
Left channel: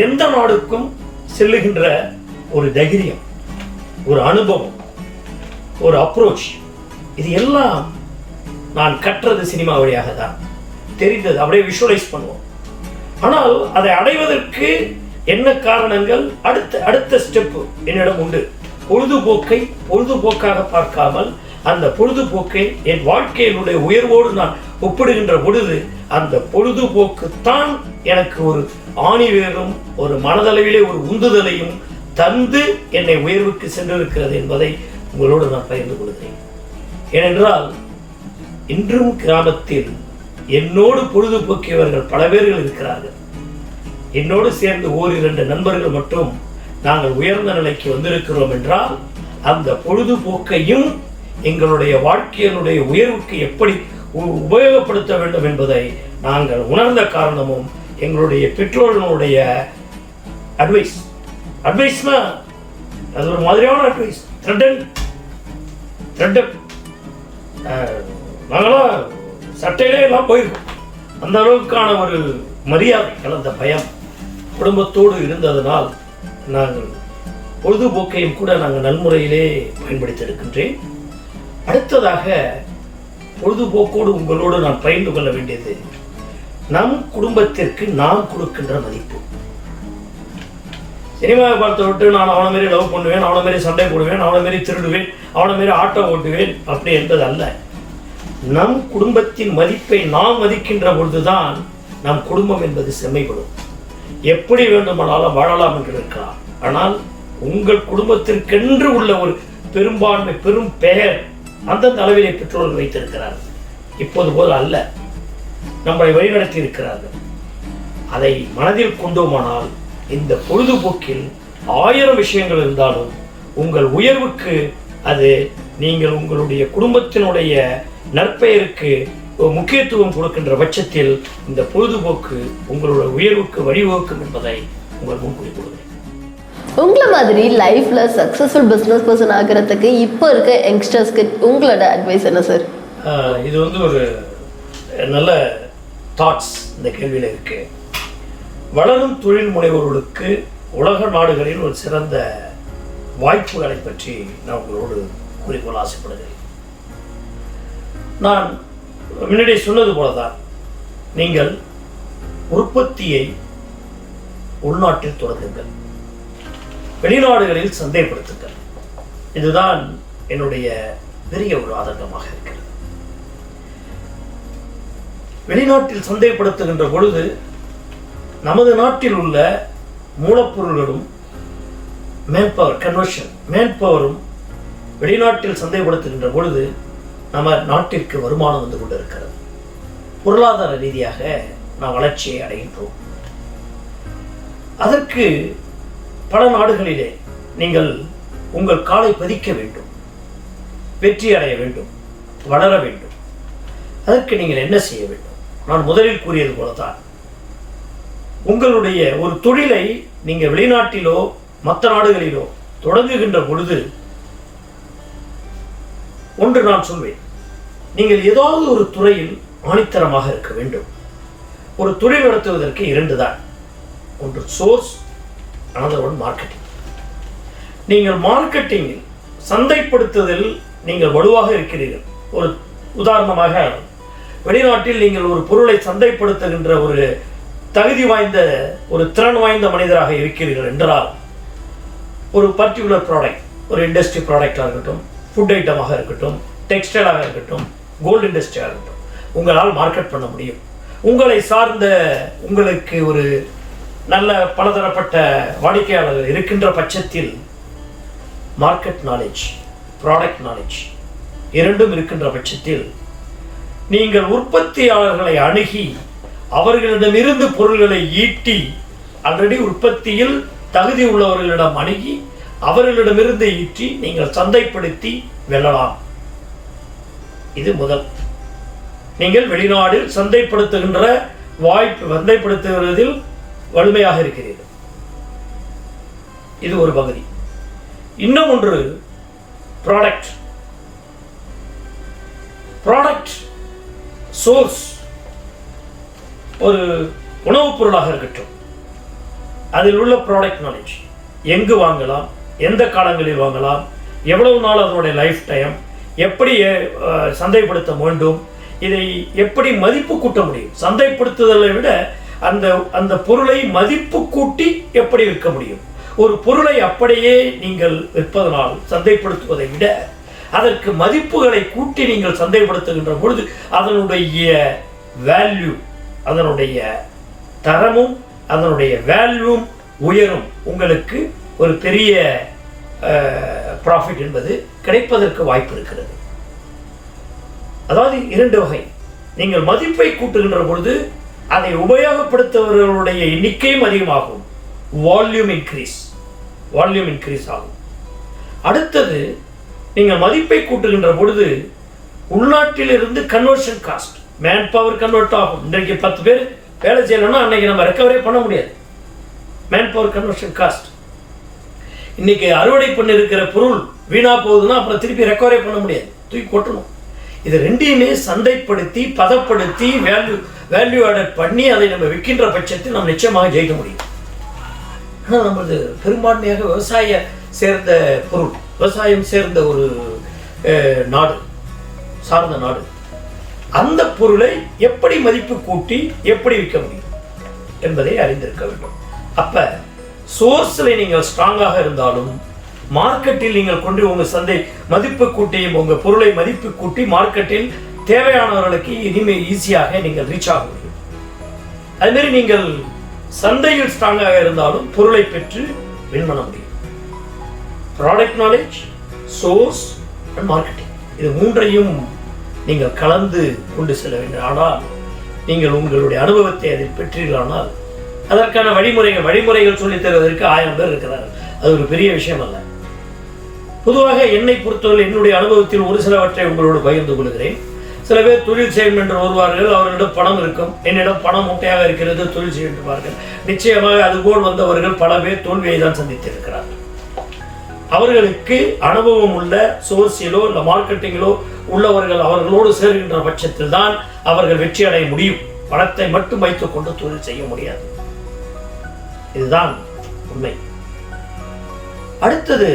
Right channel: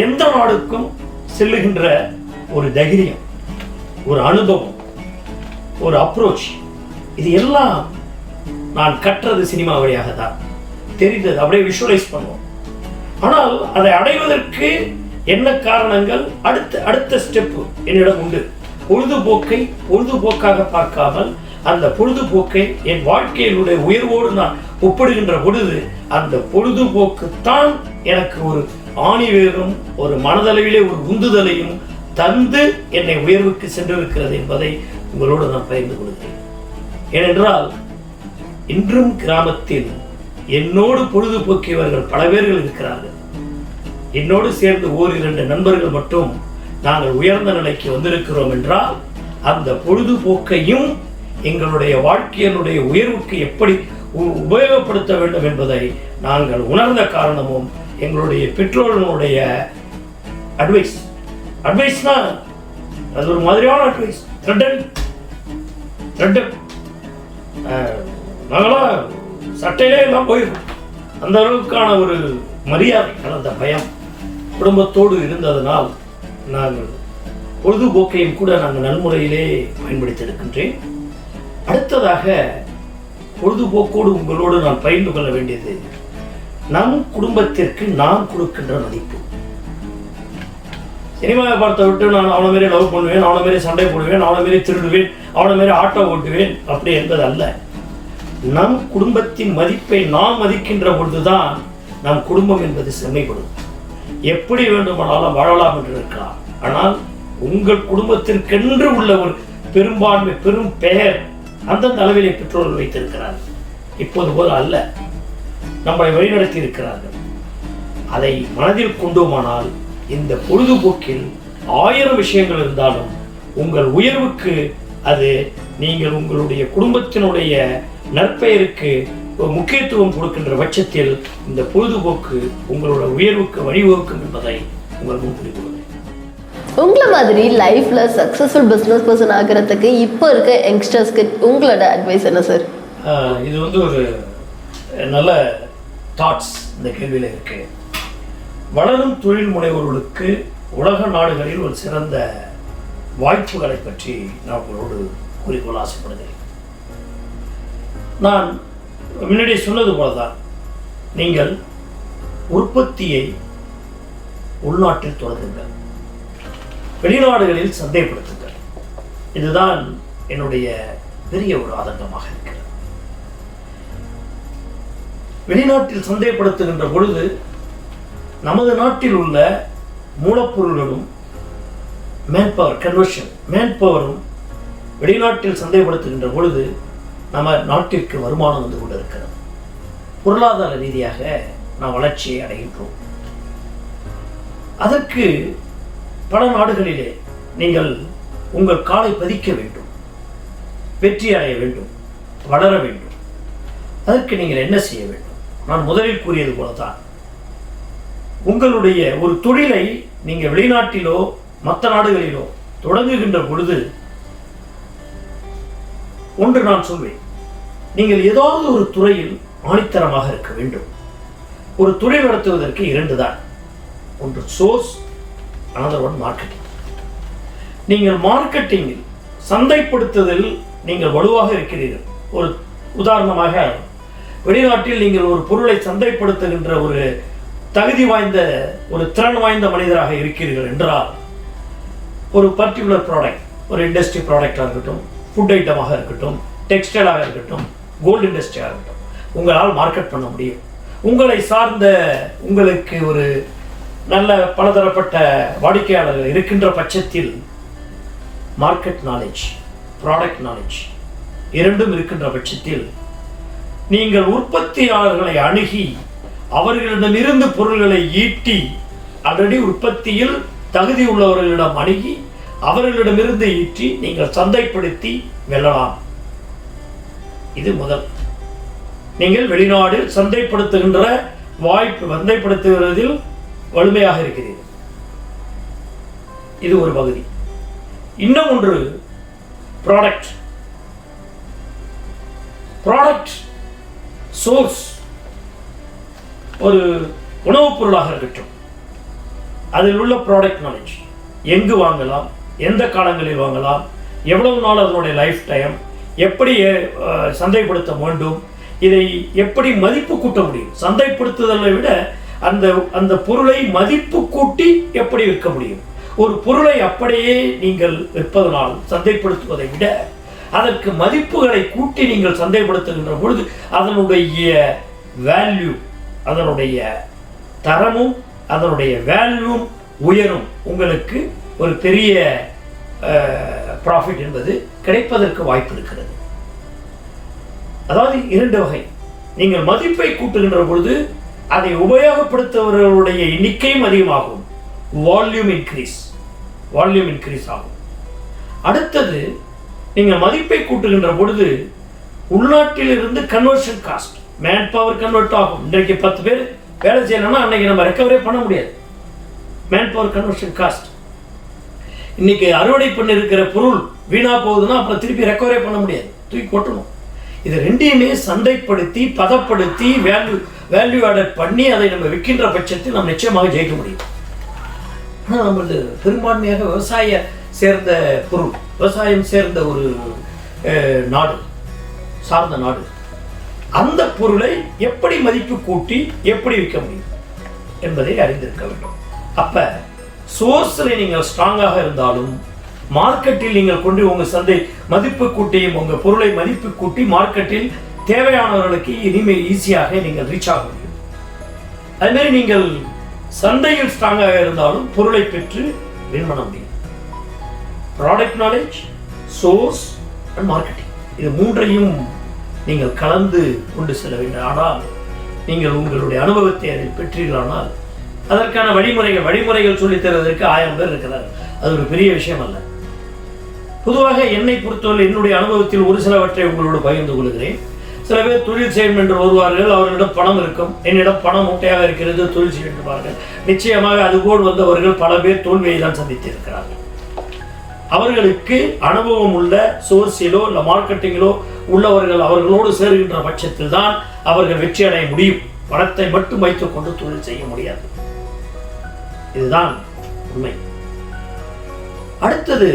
எந்த நாடுக்கும் செல்லுகின்ற ஒரு தைரியம், ஒரு அனுபவம், ஒரு அப்ரோச், இது எல்லாம் நான் கற்றது சினிமா வழியாக தான். தெரிந்தது, அப்படியே விஷுவலைஸ் பண்ணுவோம். ஆனால் அதை அடைவதற்கு என்ன காரணங்கள், அடுத்த ஸ்டெப்பு என்னிடம் உண்டு. பொழுதுபோக்கை பொழுதுபோக்காக பார்க்காமல் அந்த பொழுதுபோக்கை என் வாழ்க்கையினுடைய உயர்வோடு நான் ஒப்பிடுகின்ற பொழுது அந்த பொழுதுபோக்கு தான் எனக்கு ஒரு ஆணிவேரும் ஒரு மனதளவிலே ஒரு உந்துதலையும் தந்து என்னை உயர்வுக்கு சென்றிருக்கிறது என்பதை உங்களோடு நான் பகிர்ந்து கொள்கிறேன். ஏனென்றால் இன்றும் கிராமத்தில் என்னோடு பொழுதுபோக்கியவர்கள் பல பேர்கள் இருக்கிறார்கள். என்னோடு சேர்ந்து ஓரிரண்டு நண்பர்கள் மட்டும் நாங்கள் உயர்ந்த நிலைக்கு வந்திருக்கிறோம் என்றால் அந்த பொழுதுபோக்கையும் எங்களுடைய வாழ்க்கையினுடைய உயர்வுக்கு எப்படி உபயோகப்படுத்த வேண்டும் என்பதை நாங்கள் உணர்ந்த காரணமும் எங்களுடைய பெற்றோர்களுடைய அட்வைஸ்னா அது ஒரு மாதிரியான அட்வைஸ். நாங்களாம் சட்டையிலே எல்லாம் போயிருக்கோம். அந்த அளவுக்கான ஒரு மரியாதை கலந்த பயம் குடும்பத்தோடு இருந்ததனால் நாங்கள் பொழுதுபோக்கையும் கூட நாங்கள் நல்முறையிலே பயன்படுத்தி இருக்கின்றேன். அடுத்ததாக பொழுதுபோக்கோடு உங்களோடு நான் பகிர்ந்து கொள்ள வேண்டியது நம் குடும்பத்திற்கு நாம் கொடுக்கின்ற மதிப்பு. சினிமாவை பார்த்த விட்டு நான் அவனை மாரி லவ் பண்ணுவேன், அவனை மாரி சண்டை போடுவேன், அவனை மாரி திருடுவேன், அவனை மாரி ஆட்டோ ஓட்டுவேன் அப்படி என்பது அல்ல. நம் குடும்பத்தின் மதிப்பை நாம் மதிக்கின்ற பொழுதுதான் நம் குடும்பம் என்பது செம்மைப்படும். எப்படி வேண்டுமானாலும் வாழலாம் என்று இருக்கலாம், ஆனால் உங்கள் குடும்பத்திற்கென்று உள்ள ஒரு பெரும்பான்மை பெரும் பெயர் அந்தந்த அளவிலே பெற்றோர்கள் வைத்திருக்கிறார்கள். இப்போது போல அல்ல, நம்மளை வழிநடத்தி இருக்கிறார்கள். அதை மனதில் கொண்டோமானால் இந்த பொழுதுபோக்கில் 1000 விஷயங்கள் இருந்தாலும் உங்கள் உயர்வுக்கு அது நீங்கள் உங்களுடைய குடும்பத்தினுடைய நற்பெயருக்கு முக்கியத்துவம் கொடுக்கின்ற பட்சத்தில் இந்த பொழுதுபோக்கு உங்களோட உயர்வுக்கு வழிவகுக்கும் என்பதை உங்கள் முன்கூடி கொடுக்கிறேன். உங்களை மாதிரி லைஃப்ல சக்சஸ்ஃபுல் பிஸ்னஸ் பர்சன் ஆகிறதுக்கு இப்போ இருக்க யங்ஸ்டர்ஸ்க்கு உங்களோட அட்வைஸ் என்ன சார்? இது ஒரு நல்ல தாட்ஸ் இந்த கேள்வியில் இருக்கு. வளரும் தொழில் முனைவோர்களுக்கு உலக நாடுகளில் ஒரு சிறந்த வாய்ப்புகளை பற்றி நான் உங்களோடு கூறிக்கொள்ள ஆசைப்படுகிறேன். நான் முன்னாடி சொன்னது போலதான், நீங்கள் உற்பத்தியை உள்நாட்டில் தொடங்குங்கள், வெளிநாடுகளில் சந்தைப்படுத்துங்கள். இதுதான் என்னுடைய பெரிய ஒரு ஆதங்கமாக இருக்கிறது. வெளிநாட்டில் சந்தைப்படுத்துகின்ற பொழுது நமது நாட்டில் உள்ள மூலப்பொருள்களும் மேன்பவரும் வெளிநாட்டில் சந்தைப்படுத்துகின்ற பொழுது நம்ம நாட்டிற்கு வருமானம் வந்து கொண்டிருக்கிறது. பொருளாதார ரீதியாக நாம் வளர்ச்சியை அடைகின்றோம். அதற்கு பல நாடுகளிலே நீங்கள் உங்கள் காலை பதிக்க வேண்டும், வெற்றி அடைய வேண்டும், வளர வேண்டும். அதற்கு நீங்கள் என்ன செய்ய வேண்டும்? நான் முதலில் கூறியது போலதான், உங்களுடைய ஒரு தொழிலை நீங்கள் வெளிநாட்டிலோ மற்ற நாடுகளிலோ தொடங்குகின்ற பொழுது ஒன்று நான் சொல்வேன், நீங்கள் ஏதாவது ஒரு துறையில் ஆணித்தரமாக இருக்க வேண்டும். ஒரு தொழில் நடத்துவதற்கு 2 தான், ஒன்று சோர்ஸ், another one மார்க்கெட்டிங். நீங்கள் மார்க்கெட்டிங்கில் சந்தைப்படுத்துதல் நீங்கள் வலுவாக இருக்கிறீர்கள். ஒரு உதாரணமாக, வெளிநாட்டில் நீங்கள் ஒரு பொருளை சந்தைப்படுத்துகின்ற ஒரு தகுதி வாய்ந்த ஒரு திறன் வாய்ந்த மனிதராக இருக்கிறீர்கள் என்றால், ஒரு பர்டிகுலர் ப்ராடக்ட், ஒரு இண்டஸ்ட்ரி ப்ராடக்டாக இருக்கட்டும், ஃபுட் ஐட்டமாக இருக்கட்டும், டெக்ஸ்டைலாக இருக்கட்டும், கோல்டு இண்டஸ்ட்ரியாக இருக்கட்டும், உங்களால் மார்க்கெட் பண்ண முடியும். உங்களை சார்ந்த உங்களுக்கு ஒரு நல்ல பலதரப்பட்ட வாடிக்கையாளர்கள் இருக்கின்ற பட்சத்தில் மார்க்கெட் நாலேஜ், ப்ராடக்ட் நாலேஜ் இரண்டும் இருக்கின்ற பட்சத்தில் நீங்கள் உற்பத்தியாளர்களை அணுகி அவர்களிடமிருந்து பொருள்களை ஈட்டி, ஆல்ரெடி உற்பத்தியில் தகுதி உள்ளவர்களிடம் அணுகி அவர்களிடமிருந்து ஈட்டி நீங்கள் சந்தைப்படுத்தி வெல்லலாம். இது முதல். நீங்கள் வெளிநாடு சந்தைப்படுத்துகின்ற வாய்ப்பு, சந்தைப்படுத்துவதில் வலிமையாக இருக்கிறீர்கள். இது ஒரு பகுதி. இன்னும் ஒன்று ப்ராடக்ட் சோர்ஸ். ஒரு உணவுப் பொருளாக இருக்கட்டும், அதில் உள்ள ப்ராடக்ட் நாலேஜ், எங்கு வாங்கலாம், எந்த காலங்களில் வாங்கலாம், எவ்வளவு நாள் அதனுடைய லைஃப் டைம், எப்படி சந்தைப்படுத்த வேண்டும், இதை எப்படி மதிப்பு கூட்ட முடியும், சந்தைப்படுத்துதலை விட அந்த பொருளை மதிப்பு கூட்டி எப்படி விற்க முடியும். ஒரு பொருளை அப்படியே நீங்கள் விற்பதனால் சந்தைப்படுத்துவதை விட அதற்கு மதிப்புகளை கூட்டி நீங்கள் சந்தைப்படுத்துகின்ற பொழுது அதனுடைய வேல்யூ, அதனுடைய தரமும் அதனுடைய வேல்யூவும் உயரும். உங்களுக்கு ஒரு பெரிய ப்ராஃபிட் என்பது கிடைப்பதற்கு வாய்ப்பு இருக்கிறது. அதாவது 2 வகை. நீங்கள் மதிப்பை கூட்டுகின்ற பொழுது அதை உபயோகப்படுத்துபவர்களுடைய எண்ணிக்கையும் அதிகமாகும். வால்யூம் இன்க்ரீஸ் ஆகும். அடுத்தது, நீங்கள் மதிப்பை கூட்டுகின்ற பொழுது உள்நாட்டில் இருந்து conversion cost, man power convert ஆகும். இன்றைக்கு 10 பேர் வேலை செய்யணும்னா அன்னைக்கு நம்ம ரெக்கவரே பண்ண முடியாது. Man power conversion cost. இன்னைக்கு அறுவடை பண்ணி இருக்கிற பொருள் வீணா போகுதுன்னா அப்புறம் திருப்பி ரெக்கவரே பண்ண முடியாது, தூக்கி கொட்டணும். இது ரெண்டையுமே சந்தைப்படுத்தி பதப்படுத்தி வேல்யூ ஆடட் பண்ணி அதை நம்ம விற்கின்ற பட்சத்தில் நம்ம நிச்சயமாக ஜெயிக்க முடியும். ஆனால் நம்மளது பெரும்பான்மையாக சேர்ந்த பொருள், விவசாயம் சேர்ந்த ஒரு நாடு, சார்ந்த நாடு. அந்த பொருளை எப்படி மதிப்பு கூட்டி எப்படி விற்க முடியும் என்பதை அறிந்திருக்க வேண்டும். அப்ப சோர்ஸில் நீங்கள் ஸ்ட்ராங்காக இருந்தாலும் மார்க்கெட்டில் நீங்கள் கொண்டு உங்கள் சந்தை மதிப்பு கூட்டியும் உங்கள் பொருளை மதிப்பு கூட்டி மார்க்கெட்டில் தேவையானவர்களுக்கு இனிமே ஈஸியாக நீங்கள் ரீச் ஆக முடியும். அதுமாரி நீங்கள் சந்தையில் ஸ்ட்ராங்காக இருந்தாலும் பொருளை பெற்று வின் பண்ண முடியும். Product knowledge, source and marketing, இது மூன்றையும் நீங்கள் கலந்து கொண்டு செல்ல வேண்டும். ஆனால் நீங்கள் உங்களுடைய அனுபவத்தை அதில் பெற்றீர்களானால் அதற்கான வழிமுறைகள் சொல்லித் தருவதற்கு 1000 பேர் இருக்கிறார்கள். அது ஒரு பெரிய விஷயம் அல்ல. பொதுவாக என்னை பொறுத்தவரை என்னுடைய அனுபவத்தில் ஒரு சிலவற்றை உங்களோடு பகிர்ந்து கொள்கிறேன். சில பேர் தொழில் செய்யும் என்று வருவார்கள், அவர்களிடம் பணம் இருக்கும். என்னிடம் பணம் மூட்டையாக இருக்கிறது, தொழில் செய்வார்கள். நிச்சயமாக அதுபோல் வந்தவர்கள் பல பேர் தோல்வியை தான் சந்தித்திருக்கிறார்கள். அவர்களுக்கு அனுபவம் உள்ள சோர்ஸிலோ இல்லை மார்க்கெட்டிங்கிலோ உள்ளவர்கள் அவர்களோடு சேருகின்ற பட்சத்தில் தான் அவர்கள் வெற்றி அடைய முடியும். பணத்தை மட்டும் வைத்துக் கொண்டு தொழில் செய்ய முடியாது. இதுதான் உண்மை. அடுத்தது,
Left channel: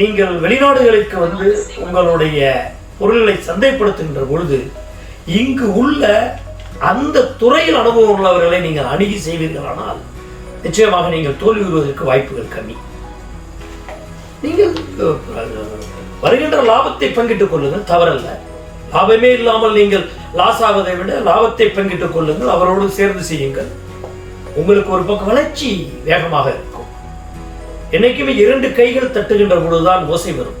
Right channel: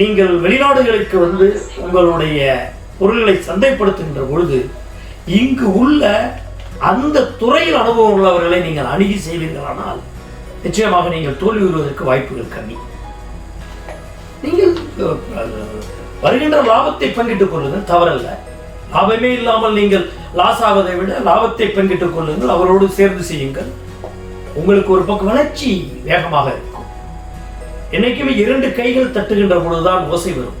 நீங்கள் வெளிநாடுகளுக்கு வந்து உங்களுடைய பொருள்களை சந்தைப்படுத்துகின்ற பொழுது இங்கு உள்ள அந்த துறையில் அனுபவம் உள்ளவர்களை நீங்கள் அணுகி செய்வீர்களானால் நிச்சயமாக நீங்கள் தோல்வியுறுவதற்கு வாய்ப்புகள் கம்மி. நீங்கள் வருகின்ற லாபத்தை பங்கிட்டுக் கொள்ளுங்கள், தவறல்ல. லாபமே இல்லாமல் நீங்கள் லாஸ் ஆவதை விட லாபத்தை பங்கிட்டுக் கொள்ளுங்கள், அவரோடு சேர்ந்து செய்யுங்கள். உங்களுக்கு ஒரு பக்கம் வளர்ச்சி வேகமாக இருக்கும். என்னைக்குமே 2 கைகள் தட்டுகின்ற பொழுதுதான் ஓசை வரும்.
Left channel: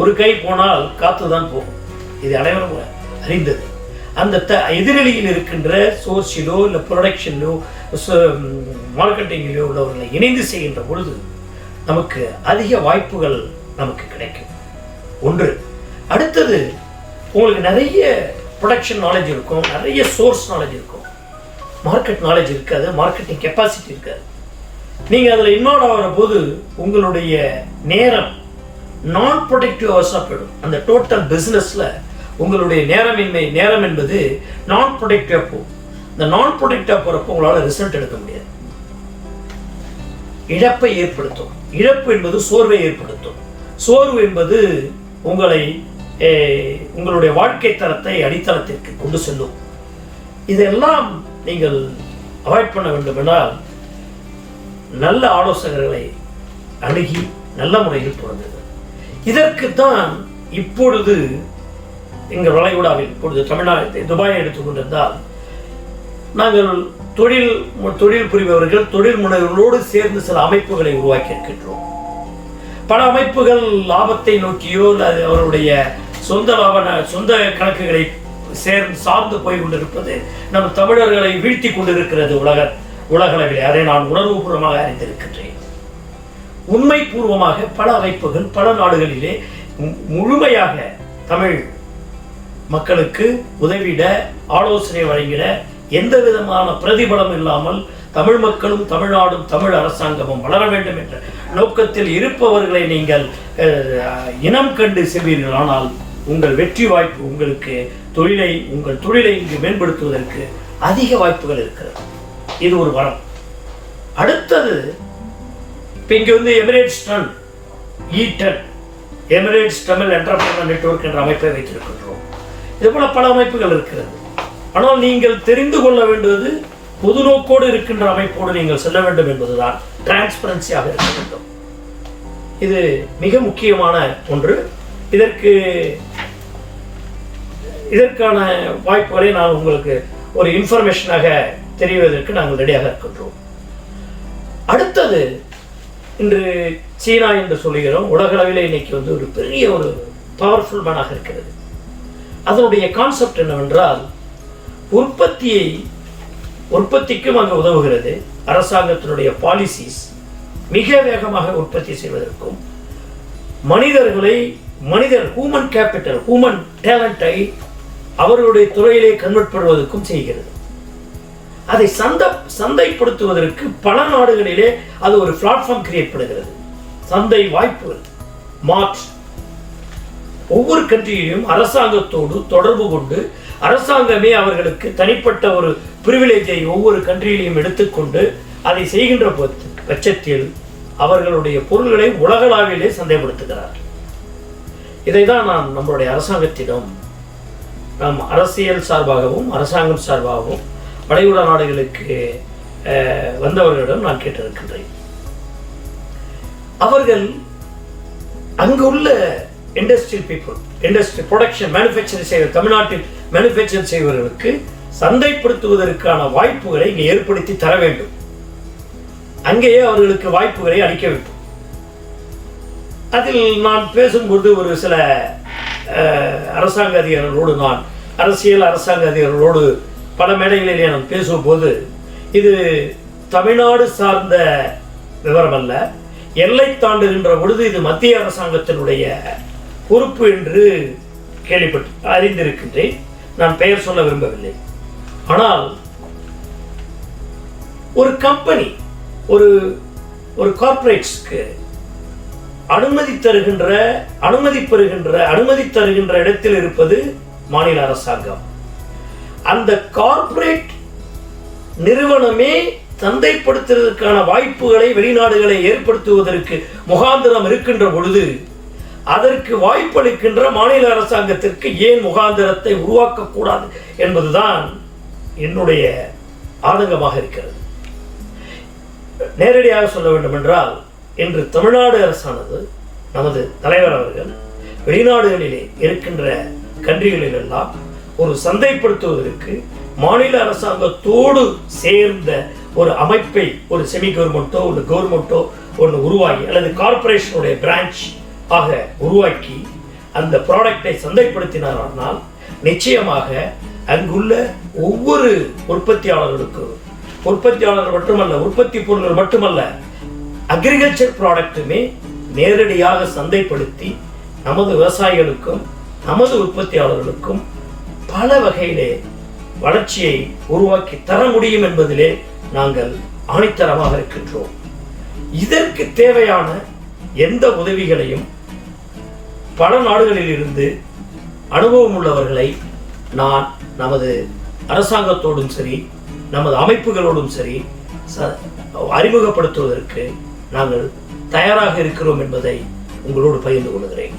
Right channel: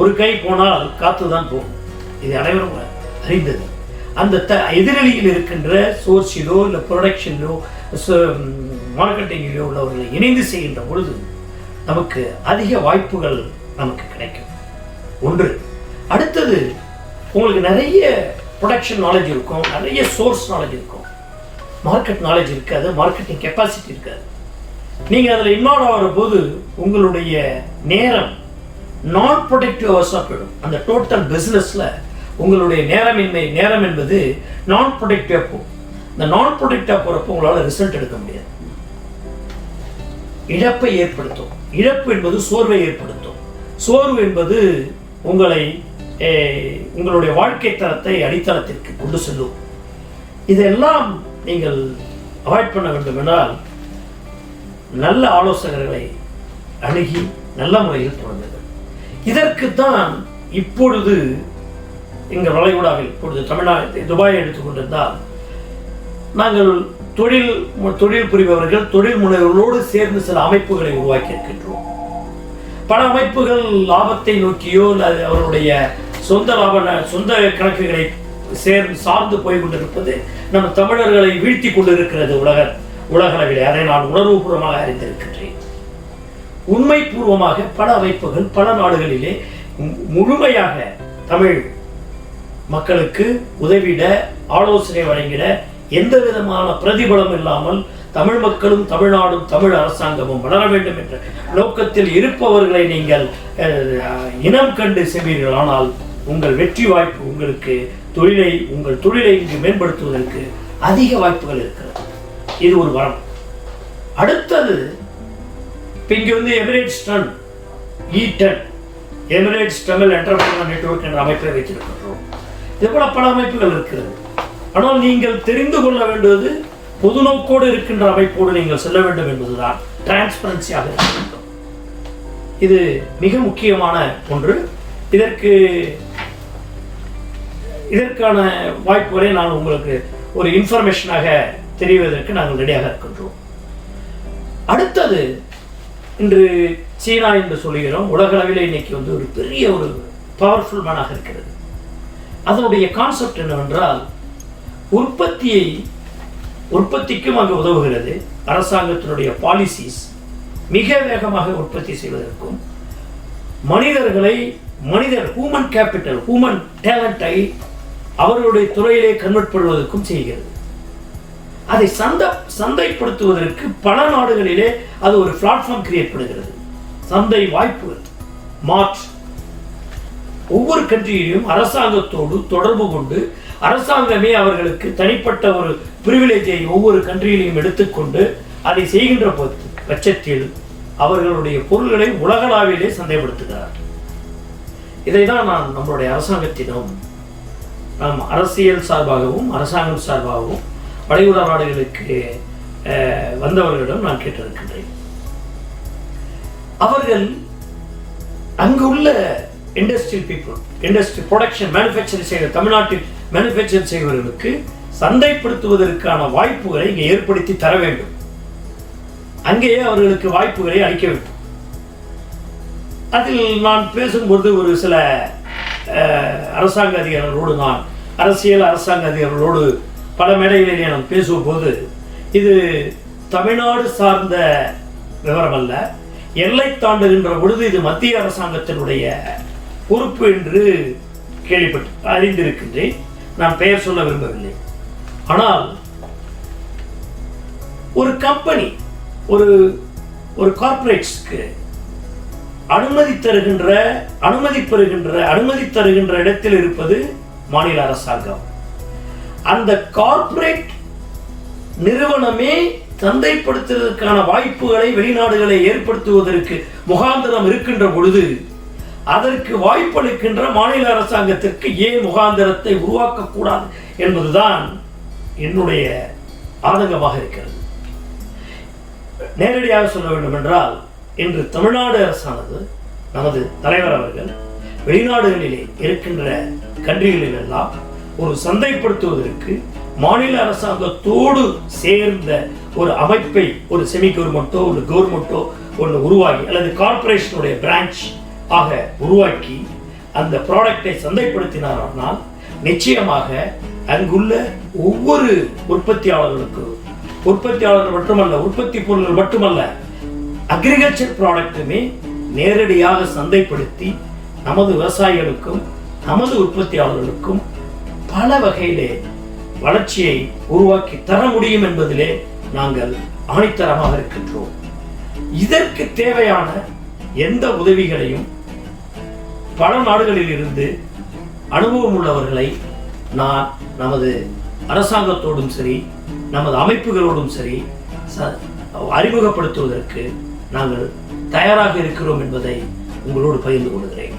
ஒரு கை போனால் காத்துதான் போகும். இது அனைவரும் அறிந்தது. அந்த எதிரொலியில் இருக்கின்ற சோர்ஸிலோ இல்லை ப்ரொடக்ஷனிலோ மார்க்கெட்டிங்கிலோ உள்ளவர்களை இணைந்து செய்கின்ற பொழுது நமக்கு அதிக வாய்ப்புகள் நமக்கு கிடைக்கும். ஒன்று. அடுத்தது, உங்களுக்கு நிறைய ப்ரொடக்ஷன் நாலேஜ் இருக்கும், நிறைய சோர்ஸ் நாலேஜ் இருக்கும், மார்க்கெட் நாலேஜ் இருக்காது, மார்க்கெட்டிங் கெப்பாசிட்டி இருக்காது. நீங்கள் அதில் இன்வால்வ் ஆகிற போது உங்களுடைய நேரம் நான் ப்ரொடக்டிவ் ஹவர்ஸாக போயிடும். அந்த டோட்டல் பிஸ்னஸில் உங்களுடைய நேரம் என்பது நான் ப்ரொடக்டிவாக போகும். இந்த நான் ப்ரொடக்டிவாக போகிறப்போ உங்களால் ரிசல்ட் எடுக்க முடியாது. இழப்பை ஏற்படுத்தும். இழப்பு என்பது சோர்வை ஏற்படுத்தும். சோர்வு என்பது உங்களுடைய வாழ்க்கை தரத்தை அடித்தளத்திற்கு கொண்டு செல்லும். இதெல்லாம் நீங்கள் அவாய்ட் பண்ண வேண்டுமென்றால் நல்ல ஆலோசகர்களை அணுகி நல்ல முறையில் தொடங்குங்கள். இதற்குத்தான் இப்பொழுது எங்கள் வளைகுடாவில் இப்பொழுது தமிழ்நாடு துபாயை எடுத்துக்கொண்டிருந்தால் நாங்கள் தொழில் புரிபவர்கள் தொழில் முனைவர்களோடு சேர்ந்து சில அமைப்புகளை உருவாக்கி இருக்கின்றோம். பல அமைப்புகள் லாபத்தை நோக்கியோ அல்லது அவருடைய சொந்த கணக்குகளை சார்ந்து போய் கொண்டிருப்பது நம் தமிழர்களை வீழ்த்தி கொண்டிருக்கிறது உலகளவிலே. அதை நான் உணர்வுபூர்வமாக அறிந்திருக்கின்றேன். உண்மை பூர்வமாக பல அமைப்புகள் பல நாடுகளிலே முழுமையாக தமிழ் மக்களுக்கு உதவிட ஆலோசனை வழங்கிட எந்த விதமான பிரதிபலம் இல்லாமல் தமிழ் மக்களும் தமிழ்நாடும் தமிழ் அரசாங்கமும் வளர வேண்டும் என்ற நோக்கத்தில் இருப்பவர்களை நீங்கள் இனம் கண்டு செல்வீர்கள். ஆனால் உங்கள் வெற்றி வாய்ப்பு உங்களுக்கு உங்கள் தொழிலை இங்கு மேம்படுத்துவதற்கு அதிக வாய்ப்புகள் இருக்கிறது. இது ஒரு வரம். அடுத்தது, இப்போ இங்கே வந்து எமிரேட்ஸ் டன் E10 Emirates Tamil entrepreneur network என்ற அமைப்பை வைத்திருக்கின்றோம். இது போல பல அமைப்புகள் இருக்கிறது. ஆனால் நீங்கள் தெரிந்து கொள்ள வேண்டுவது பொது நோக்கோடு இருக்கின்ற அமைப்போடு நீங்கள் செல்ல வேண்டும் என்பதுதான். டிரான்ஸ்பரன்சியாக இருக்க வேண்டும். இது மிக முக்கியமான ஒன்று. இதற்கான வாய்ப்புகளை நான் உங்களுக்கு ஒரு இன்ஃபர்மேஷனாக தெரிவதற்கு நாங்கள் ரெடியாக இருக்கின்றோம். அடுத்தது, இன்று சீனா என்று சொல்லுகிறோம். உலகளவில் இன்னைக்கு வந்து ஒரு பெரிய ஒரு பவர்ஃபுல் மேனாக இருக்கிறது. அதனுடைய கான்செப்ட் என்னவென்றால், உற்பத்தியை உற்பத்திக்கும் அங்கு உதவுகிறது. அரசாங்கத்தினுடைய பாலிசிஸ் மிக வேகமாக உற்பத்தி செய்வதற்கும் ஹியூமன் கேபிட்டல், ஹியூமன் டேலண்டை அவர்களுடைய துறையிலே கன்வெர்ட் பண்ணுவதற்கும் செய்கிறது. அதை சந்தைப்படுத்துவதற்கு பல நாடுகளிலே அது ஒரு பிளாட்ஃபார்ம் கிரியேட் பண்ணுகிறது. சந்தை வாய்ப்புகள் ஒவ்வொரு கண்ட்ரியிலும் அரசாங்கத்தோடு தொடர்பு கொண்டு அரசாங்கமே அவர்களுக்கு தனிப்பட்ட ஒரு பிரிவிலேஜை ஒவ்வொரு கண்ட்ரியிலையும் எடுத்துக்கொண்டு அதை செய்கின்ற பட்சத்தில் அவர்களுடைய பொருள்களை உலகளாவிலே சந்தைப்படுத்துகிறார். இதை தான் நான் நம்மளுடைய அரசாங்கத்திடம், நாம் அரசியல் சார்பாகவும் அரசாங்கம் சார்பாகவும் வளைகுடா நாடுகளுக்கு வந்தவர்களிடம் நான் கேட்டிருக்கின்றேன். அவர்கள் அங்குள்ள இண்டஸ்ட்ரியல் பீப்புள், ப்ரொடக்ஷன், மேனுஃபேக்சரிங் செய்கிற, தமிழ்நாட்டில் மேனுஃபேக்சர் செய்வர்களுக்கு சந்தைப்படுத்துவதற்கான வாய்ப்புகளை இங்கே ஏற்படுத்தி தர வேண்டும். அங்கேயே அவர்களுக்கு வாய்ப்புகளை அளிக்க வேண்டும். அதில் நான் பேசும்போது ஒரு சில அரசாங்க அதிகாரிகளோடு, நான் அரசாங்க அதிகாரிகளோடு பல மேடைகளிலே நான் பேசும்போது, இது தமிழ்நாடு சார்ந்த விவரம் அல்ல, எல்லை தாண்டுகின்ற பொழுது இது மத்திய அரசாங்கத்தினுடைய பொறுப்பு என்று அறிந்திருக்கின்றேன். நான் பெயர் சொல்ல விரும்பவில்லை. ஆனால் ஒரு கம்பெனி, ஒரு கார்ப்பரேட்ஸ்க்கு அனுமதி தருகின்ற இடத்தில் இருப்பது மாநில அரசாங்கம். அந்த கார்ப்பரேட் நிறுவனமே சந்தைப்படுத்துவதற்கான வாய்ப்புகளை, வெளிநாடுகளை ஏற்படுத்துவதற்கு முகாந்திரம் இருக்கின்ற பொழுது அதற்கு வாய்ப்பளிக்கின்ற மாநில அரசாங்கத்திற்கு ஏன் முகாந்திரத்தை உருவாக்கக்கூடாது என்பதுதான் என்னுடைய ஆதங்கமாக இருக்கிறது. நேரடியாக சொல்ல வேண்டும் என்றால், இன்று தமிழ்நாடு அரசானது, நமது தலைவர் அவர்கள் வெளிநாடுகளிலே இருக்கின்ற கண்ட்ரிகளிலெல்லாம் ஒரு சந்தைப்படுத்துவதற்கு மாநில அரசாங்கத்தோடு சேர்ந்த ஒரு அமைப்பை, ஒரு செமி கவர்மெண்ட்டோ ஒரு கவர்மெண்ட்டோ ஒன்று உருவாக்கி, அல்லது கார்பரேஷனுடைய பிரான்ச் ஆக உருவாக்கி அந்த ப்ராடக்டை சந்தைப்படுத்தினார்கள், நிச்சயமாக அங்குள்ள ஒவ்வொரு உற்பத்தியாளர்கள் மட்டுமல்ல, உற்பத்தி பொருட்கள் மட்டுமல்ல, அக்ரிகல்ச்சர் ப்ராடக்ட்டுமே நேரடியாக சந்தைப்படுத்தி நமது விவசாயிகளுக்கும் நமது உற்பத்தியாளர்களுக்கும் பல வகையிலே வளர்ச்சியை உருவாக்கி தர முடியும் என்பதிலே நாங்கள் ஆணித்தரமாக இருக்கின்றோம். இதற்கு தேவையான எந்த உதவிகளையும் பல நாடுகளில் இருந்து அனுபவம் உள்ளவர்களை நான் நமது அரசாங்கத்தோடும் சரி, நமது அமைப்புகளோடும் சரி அறிமுகப்படுத்துவதற்கு நாங்கள் தயாராக இருக்கிறோம் என்பதை உங்களோடு பகிர்ந்து கொள்கிறேன்.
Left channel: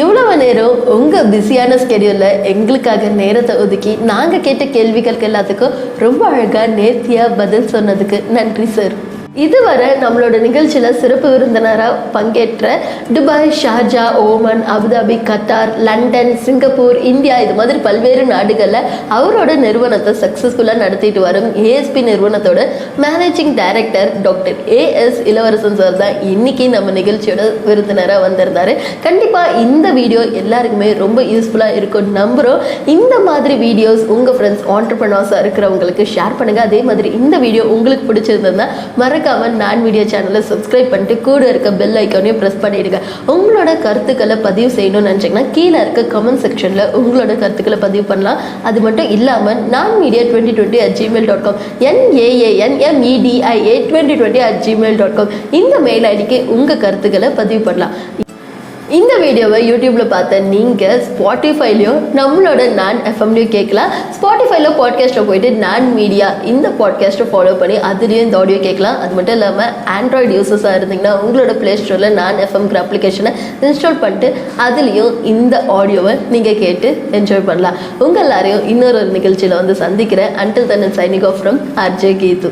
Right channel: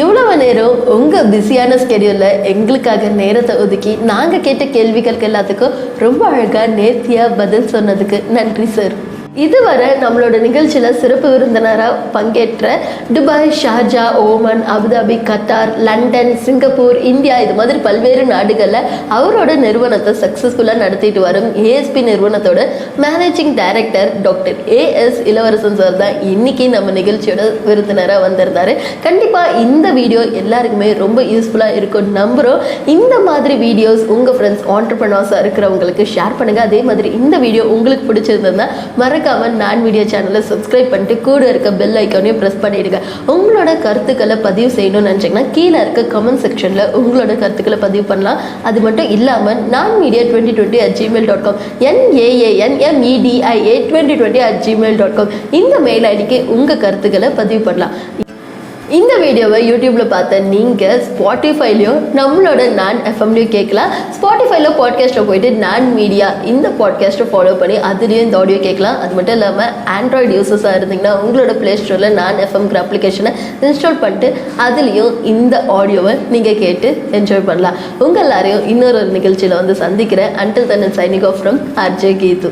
இவ்வளவு நேரம் உங்கள் பிஸியான ஸ்கெடியூலில் எங்களுக்காக நேரத்தை ஒதுக்கி நாங்கள் கேட்ட கேள்விகளுக்கு எல்லாத்துக்கும் ரொம்ப அழகாக நேர்த்தியாக பதில் சொன்னதுக்கு நன்றி சார். இதுவரை நம்மளோட நிகழ்ச்சியில் சிறப்பு விருந்தினராக பங்கேற்ற Dubai, Sharjah, Oman, Abu Dhabi, Qatar, London, Singapore, India, இது மாதிரி பல்வேறு நாடுகளில் அவரோட நிறுவனத்தை சக்ஸஸ்ஃபுல்லாக நடத்திட்டு வரும் ஏஎஸ்பி நிறுவனத்தோட மேனேஜிங் டைரக்டர் டாக்டர் AS இளவரசன் சார் தான் இன்னைக்கு நம்ம நிகழ்ச்சியோட விருந்தினராக வந்திருந்தாரு. கண்டிப்பாக இந்த வீடியோ எல்லாருக்குமே ரொம்ப யூஸ்ஃபுல்லாக இருக்கும் நம்புகிறோம். இந்த மாதிரி வீடியோஸ் உங்கள் ஃப்ரெண்ட்ஸ் ஆண்டர்ப்ரனர்ஸாக இருக்கிறவங்களுக்கு ஷேர் பண்ணுங்கள். அதே மாதிரி இந்த வீடியோ உங்களுக்கு பிடிச்சிருந்ததுன்னா மறக்காம நான் மீடியா சேனலை சப்ஸ்கிரைப் பண்ணிட்டு கூட இருக்க பெல் ஐக்கானையும் ப்ரெஸ் பண்ணிடுங்க. உங்களோட கருத்துக்களை பதிவு செய்யணும்னு நினச்சிங்கன்னா கீழே இருக்க கமெண்ட் செக்ஷனில் உங்களோட கருத்துக்களை பதிவு பண்ணலாம். அது மட்டும் இல்லாமல் nanmedia2020@gmail.com nanmedia2020@gmail.com இந்த மெயில் ஐடிக்கு உங்கள் கருத்துக்களை பதிவு பண்ணலாம். இந்த வீடியோவை யூடியூப்பில் பார்த்த நீங்கள் ஸ்பாட்டிஃபைலையும் நம்மளோட நான் எஃப்எம்லையும் கேட்கலாம். ஸ்பாட்டிஃபைல பாட்காஸ்ட்டில் போயிட்டு நான் மீடியா இந்த பாட்காஸ்ட்டை ஃபாலோ பண்ணி அதுலேயும் இந்த ஆடியோ கேட்கலாம். அது மட்டும் இல்லாமல் ஆண்ட்ராய்டு யூசர்ஸாக இருந்தீங்கன்னா உங்களோட ப்ளே ஸ்டோரில் நான் எஃப்எம்ங்கிற அப்ளிகேஷனை இன்ஸ்டால் பண்ணிட்டு அதுலேயும் இந்த ஆடியோவை நீங்கள் கேட்டு என்ஜாய் பண்ணலாம். உங்கள் எல்லாரையும் இன்னொரு நிகழ்ச்சியில் வந்து சந்திக்கிறேன். Until then, signing off from RJ Geethu.